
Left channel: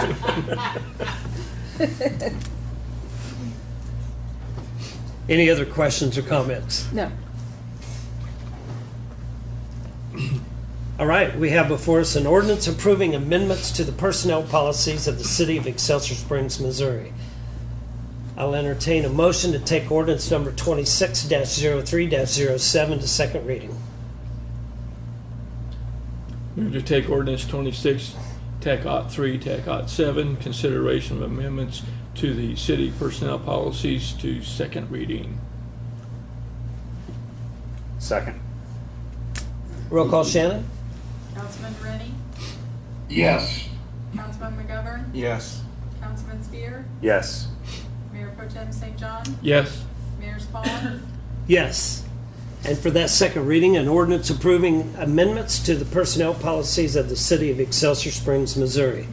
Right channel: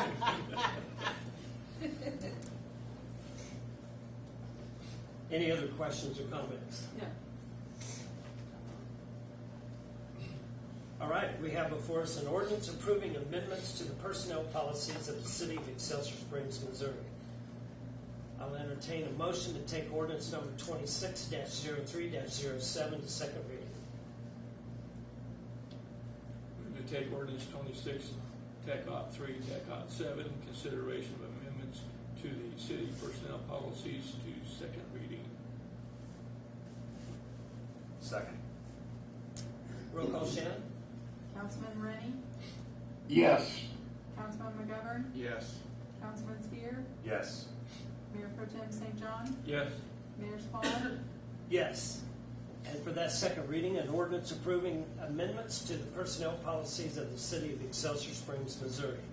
Any other questions or comments? No. All right, we have before us an ordinance approving amendments to the personnel policies of the city of Excelsior Springs, Missouri. I'll entertain a motion to take ordinance number 26-03-07 to second reading. Move to take ordinance 26, TAC 3, TAC 7, consideration of amendments to the city personnel policies to second reading. Second. Roll call, Shannon? Councilman Rennie, Yes. Councilman McGovern, Yes. Councilman Spear, Yes. Mayor Pro Tem St. John, Yes. Mayor Spawn, Yes. And for that second reading, an ordinance approving amendments to the personnel policies of the city of Excelsior Springs, Missouri.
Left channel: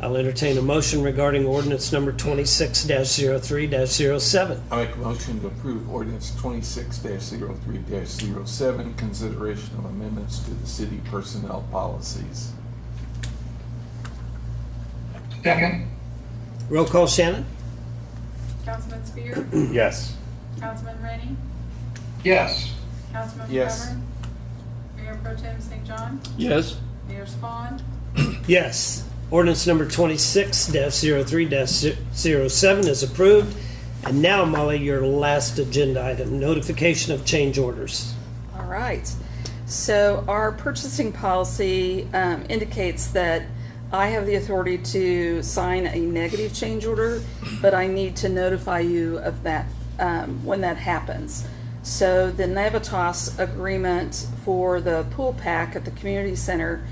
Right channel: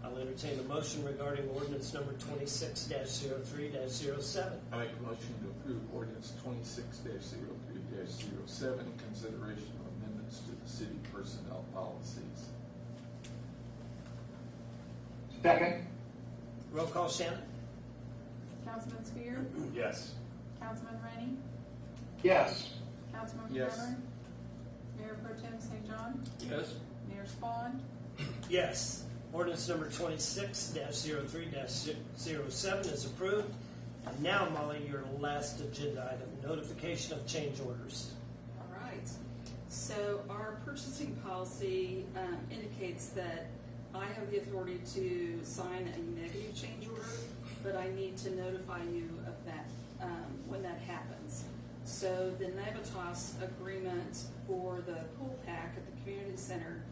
I'll entertain a motion regarding ordinance number 26-03-07. I make a motion to approve ordinance 26-03-07, consideration of amendments to the city personnel policies. Second. Roll call, Shannon? Councilman Spear, Yes. Councilman Rennie, Yes. Councilman Yes. McGovern, Mayor Pro Tem St. John, Yes. Mayor Spawn, Yes. Ordinance number 26-03-07 is approved. And now, Molly, your last agenda item, notification of change orders. All right. So our purchasing policy indicates that I have the authority to sign a negative change order, but I need to notify you of that when that happens. So the Navitas agreement for the pool pack at the community center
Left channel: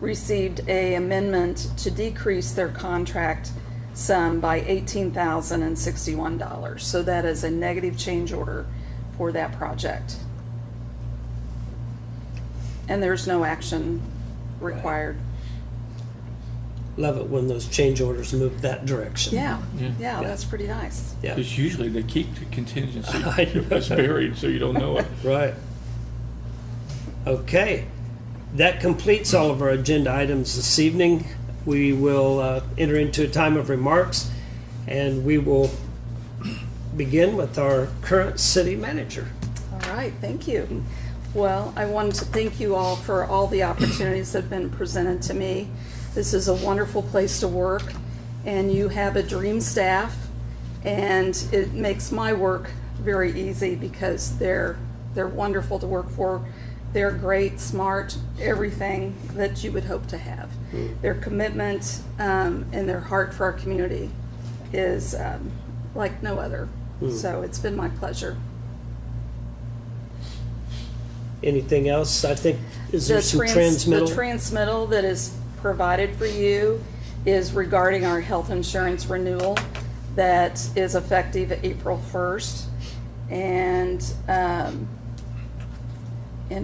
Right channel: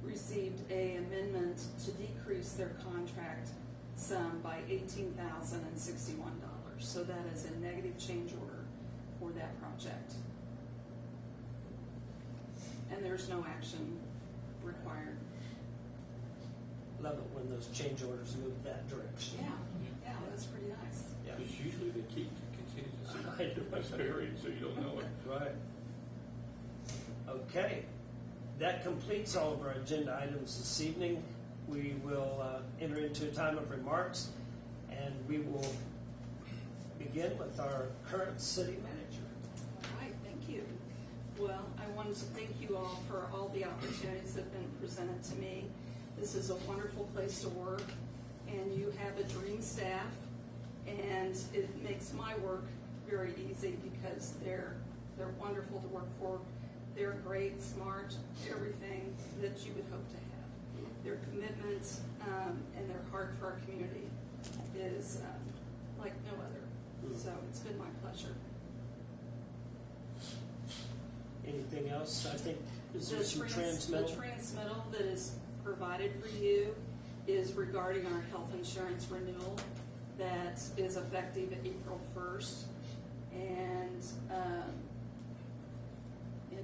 received a amendment to decrease their contract sum by $18,061. So that is a negative change order for that project. And there's no action required. Love it when those change orders move that direction. Yeah, that's pretty nice. Yeah. Because usually they keep the contingency. I know. It's buried, so you don't know it. Right. Okay. That completes all of our agenda items this evening. We will enter into a time of remarks, and we will begin with our current city manager. All right, thank you. Well, I wanted to thank you all for all the opportunities that have been presented to me. This is a wonderful place to work, and you have a dream staff, and it makes my work very easy because they're wonderful to work for. They're great, smart, everything that you would hope to have. Their commitment and their heart for our community is like no other. So it's been my pleasure. Anything else? I think, is there some transmittal? The transmittal that is provided for you is regarding our health insurance renewal that is effective April 1st. And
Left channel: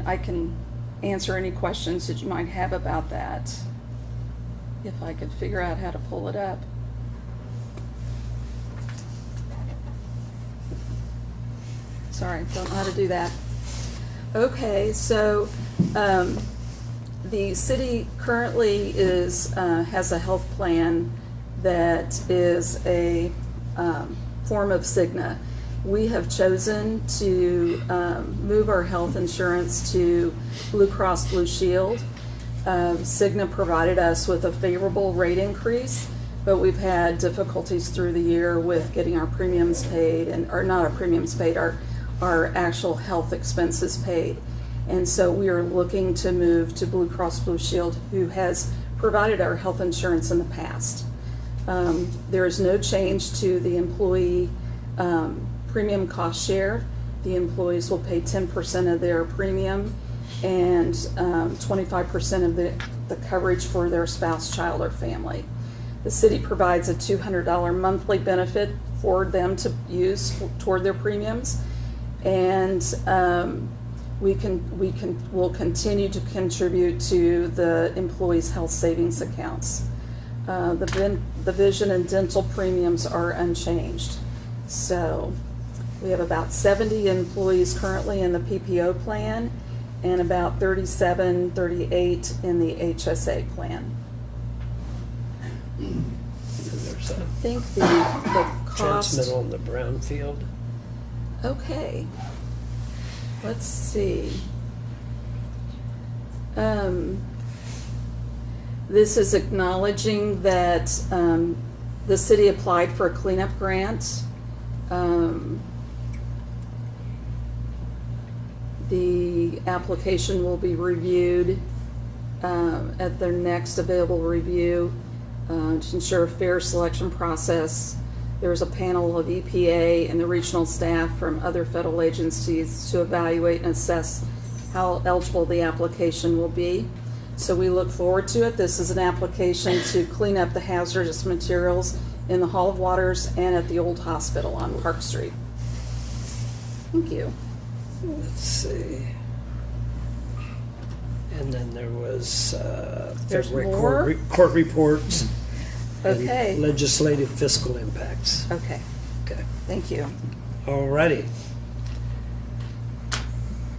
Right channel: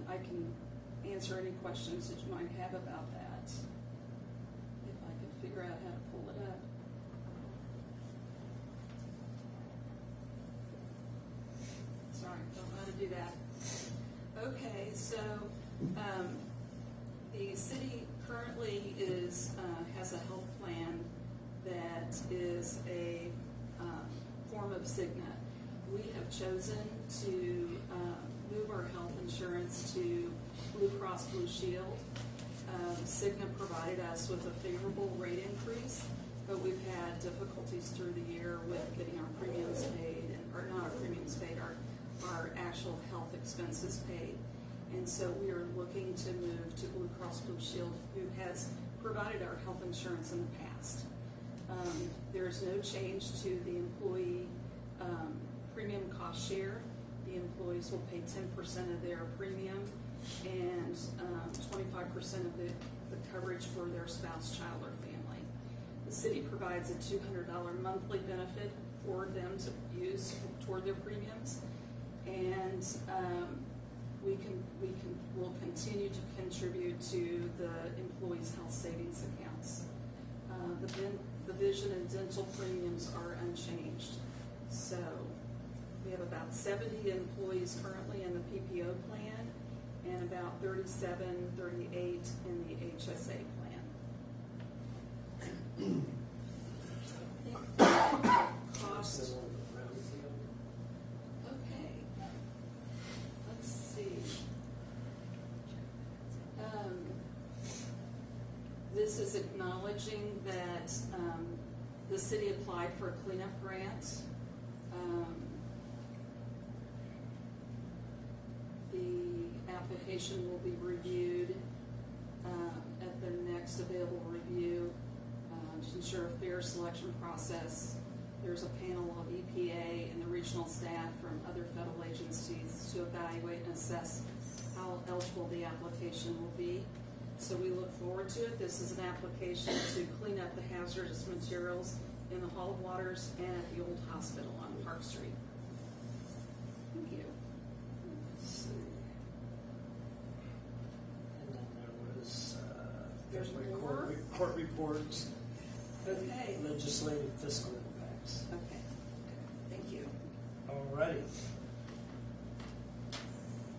I can answer any questions that you might have about that if I could figure out how to pull it up. Sorry, don't know how to do that. Okay, so the city currently has a health plan that is a form of Cigna. We have chosen to move our health insurance to Blue Cross Blue Shield. Cigna provided us with a favorable rate increase, but we've had difficulties through the year with getting our premiums paid, or not our premiums paid, our actual health expenses paid. And so we are looking to move to Blue Cross Blue Shield, who has provided our health insurance in the past. There is no change to the employee premium cost share. The employees will pay 10% of their premium and 25% of the coverage for their spouse, child, or family. The city provides a $200 monthly benefit for them to use toward their premiums, and we'll continue to contribute to the employees' health savings accounts. The vision and dental premiums are unchanged. So we have about 70 employees currently in the PPO plan and about 38 in the HSA plan. There's I think the cost. transmittal in the brownfield. Okay. Let's see. This is acknowledging that the city applied for a cleanup grant. The application will be reviewed at their next available review to ensure a fair selection process. There's a panel of EPA and the regional staff from other federal agencies to evaluate and assess how eligible the application will be. So we look forward to it. This is an application to clean up the hazardous materials in the Hall of Waters and at the old hospital on Park Street. Thank you. Let's see. And then there was There's February more? court reports. Okay. And legislative fiscal impacts. Okay. Okay. Thank you. All righty. Do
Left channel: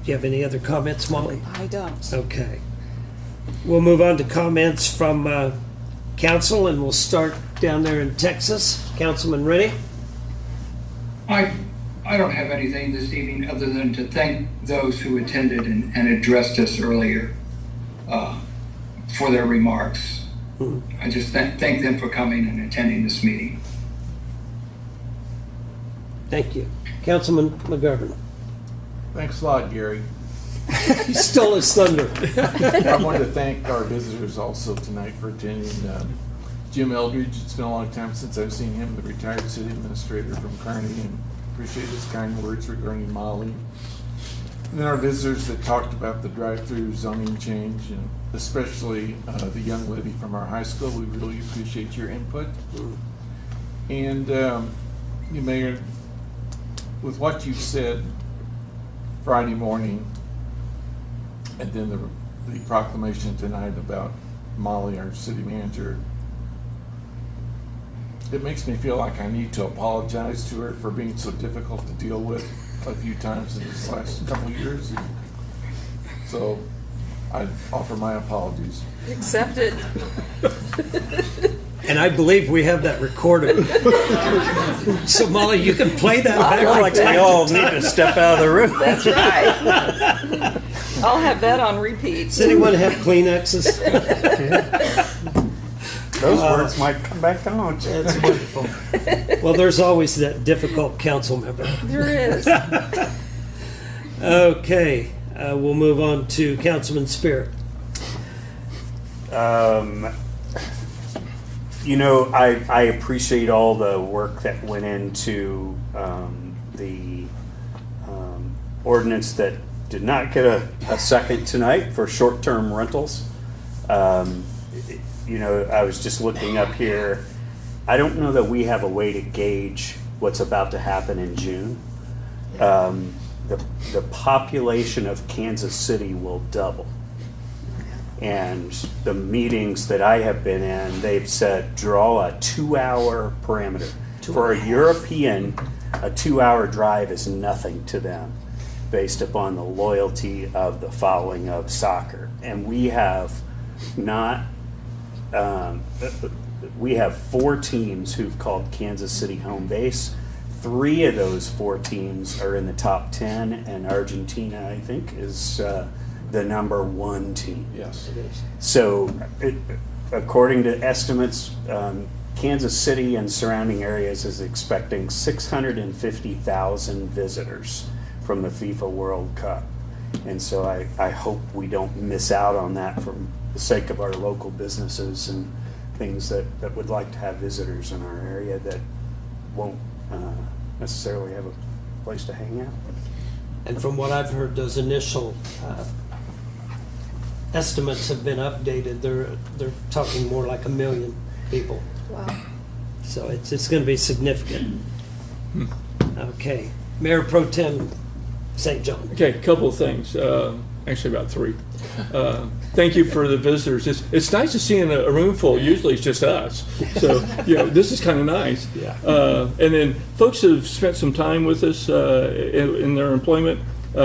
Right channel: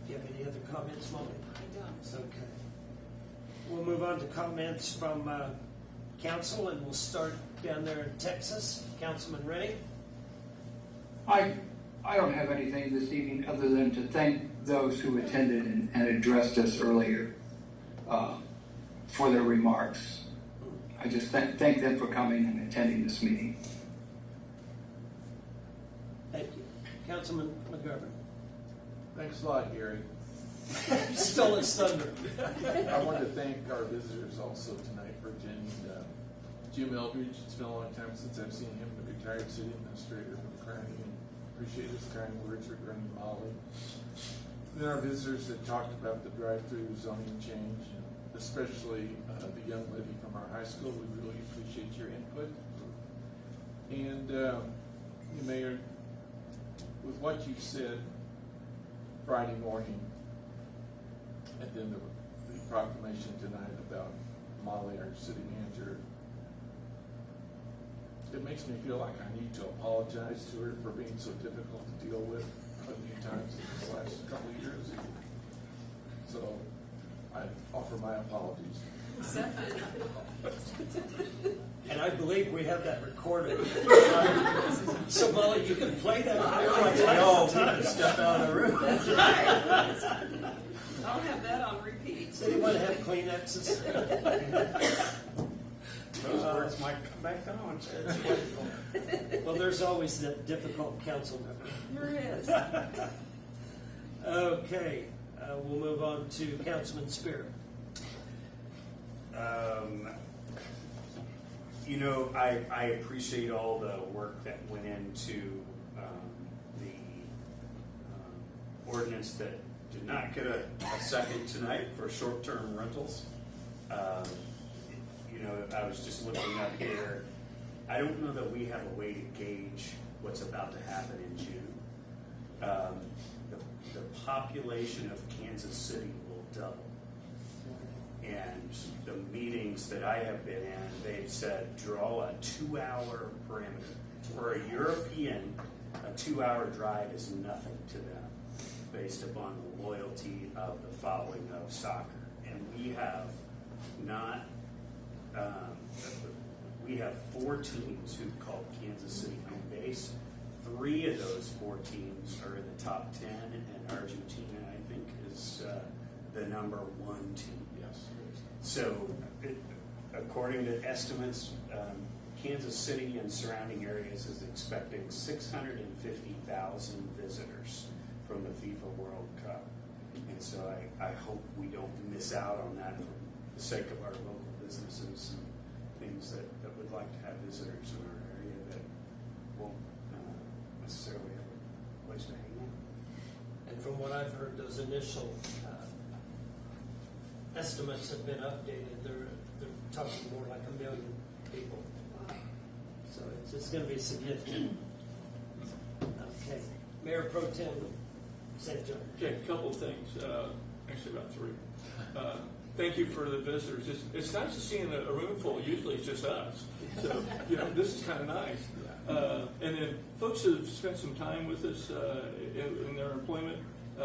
you have any other comments, Molly? I don't. Okay. We'll move on to comments from council, and we'll start down there in Texas. Councilman Rennie? I don't have anything this evening other than to thank those who attended and addressed us earlier for their remarks. I just thank them for coming and attending this meeting. Thank you. Councilman McGovern? Thanks a lot, Gary. He stole his thunder. I want to thank our visitors also tonight for attending. Jim Eldridge, it's been a long time since I've seen him, the retired city administrator from Kearney, and appreciate his kind words regarding Molly. And then our visitors that talked about the drive-through zoning change, and especially the young lady from our high school. We really appreciate your input. And you Mayor, with what you said Friday morning, and then the proclamation tonight about Molly, our city manager, it makes me feel like I need to apologize to her for being so difficult to deal with a few times in these last couple of years. So I offer my apologies. Accepted. And I believe we have that recorded. So Molly, you can play that I back. feel like we all need to step out of the room. That's right. I'll have that on repeat. Does anyone have Kleenexes? Those words might come back on. That's wonderful. Well, there's always that difficult council member. There is. Okay, we'll move on to Councilman Spirit. You know, I appreciate all the work that went into the ordinance that did not get a second tonight for short-term rentals. You know, I was just looking up here. I don't know that we have a way to gauge what's about to happen in June. The population of Kansas City will double. And the meetings that I have been in, they've said draw a 2-hour parameter. For a European a 2-hour drive is nothing to them based upon the loyalty of the following of soccer. And we have not, we have 4 teams who've called Kansas City home base. 3 of those 4 teams are in the top 10, and Argentina, I think, is the number 1 team. Yes, it is. So, according to estimates, Kansas City and surrounding areas is expecting 650,000 visitors from the FIFA World Cup. And so I hope we don't miss out on that for the sake of our local businesses and things that would like to have visitors in our area that won't necessarily have a place to hang out. And from what I've heard, those initial estimates have been updated. They're talking more like 1 million people. Wow. So it's going to be significant. Okay. Mayor Pro Tem St. John. Okay, a couple of things, actually about 3. Thank you for the visitors. It's nice to see in a room full. Usually it's just us. So, this is kind of nice. Yeah. And then folks that have spent some time with us in their employment,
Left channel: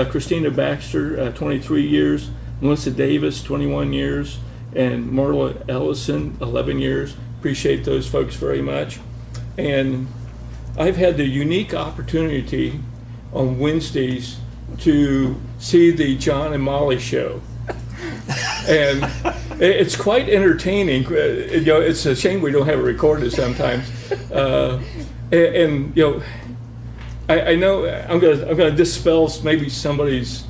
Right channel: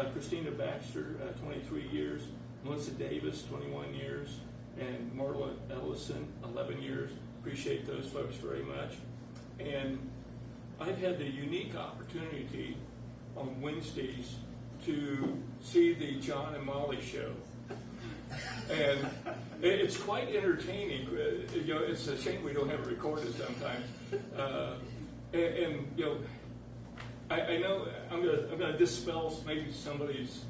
Christina Baxter, 23 years, Melissa Davis, 21 years, and Marla Ellison, 11 years. Appreciate those folks very much. And I've had the unique opportunity on Wednesdays to see the John and Molly show. And it's quite entertaining. It's a shame we don't have it recorded sometimes. I know I'm gonna dispel maybe somebody's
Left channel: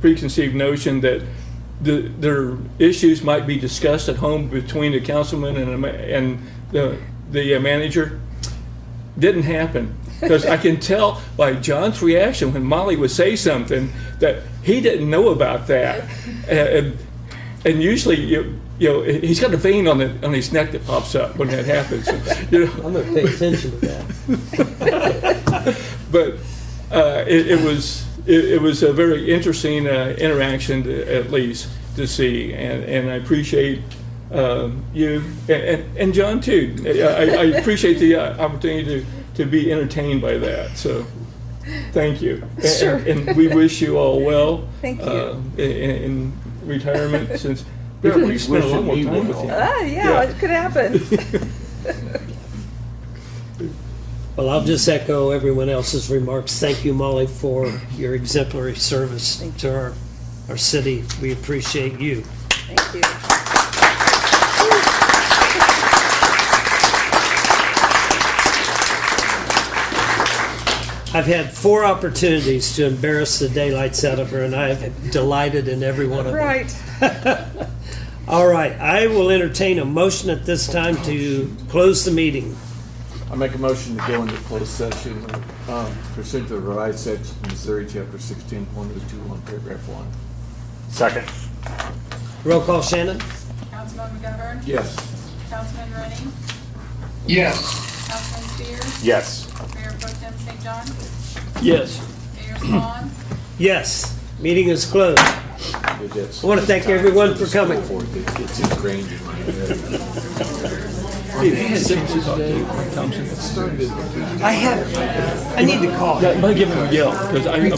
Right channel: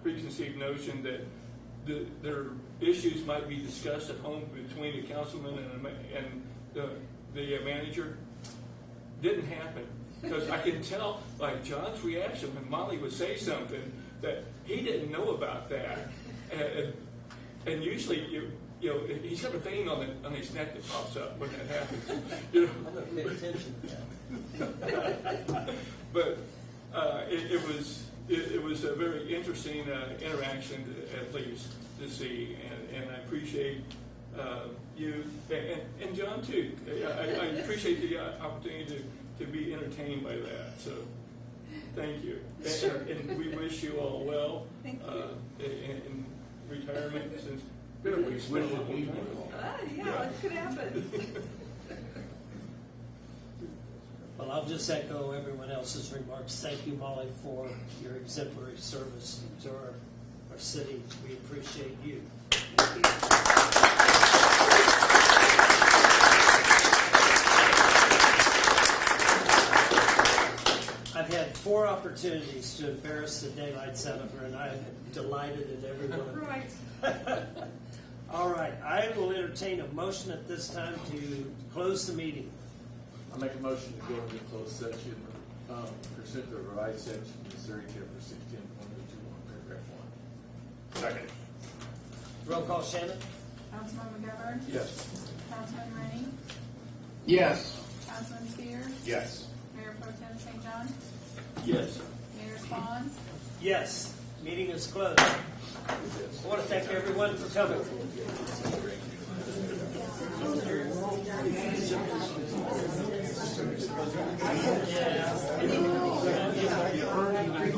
preconceived notion that their issues might be discussed at home between the councilman and the manager. Didn't happen, because I can tell by John's reaction when Molly would say something that he didn't know about that, and usually he's got a vein on his neck that pops up when that happens. I'm going to pay attention to that. But it was a very interesting interaction at least to see, and I appreciate you and John too. I appreciate the opportunity to be entertained by that. So thank you. Sure. And we wish you all well. Thank you. In retirement, since we Everybody's spent a lot more wishing me time with you. Yeah, it could happen. Well, I'll just echo everyone else's remarks. Thank you, Molly, for your exemplary service to our city. We appreciate you. Thank you. I've had 4 opportunities to embarrass the daylights out of her, and I have delighted in every one of them. Right. All right, I will entertain a motion at this time to close the meeting. I make a motion to go into closed session pursuant to the revised section of Missouri Chapter 16.021, Paragraph 1. Second. Roll call, Shannon? Councilman McGovern? Yes. Councilman Rennie? Yes. Councilman Spears? Yes. Mayor Pro Tem St. John? Yes. Mayor Swan? Yes. Meeting is closed. I want to thank everyone for coming. It's ingrained in my head. I need to call. Yeah, I'll give him a yell, because I was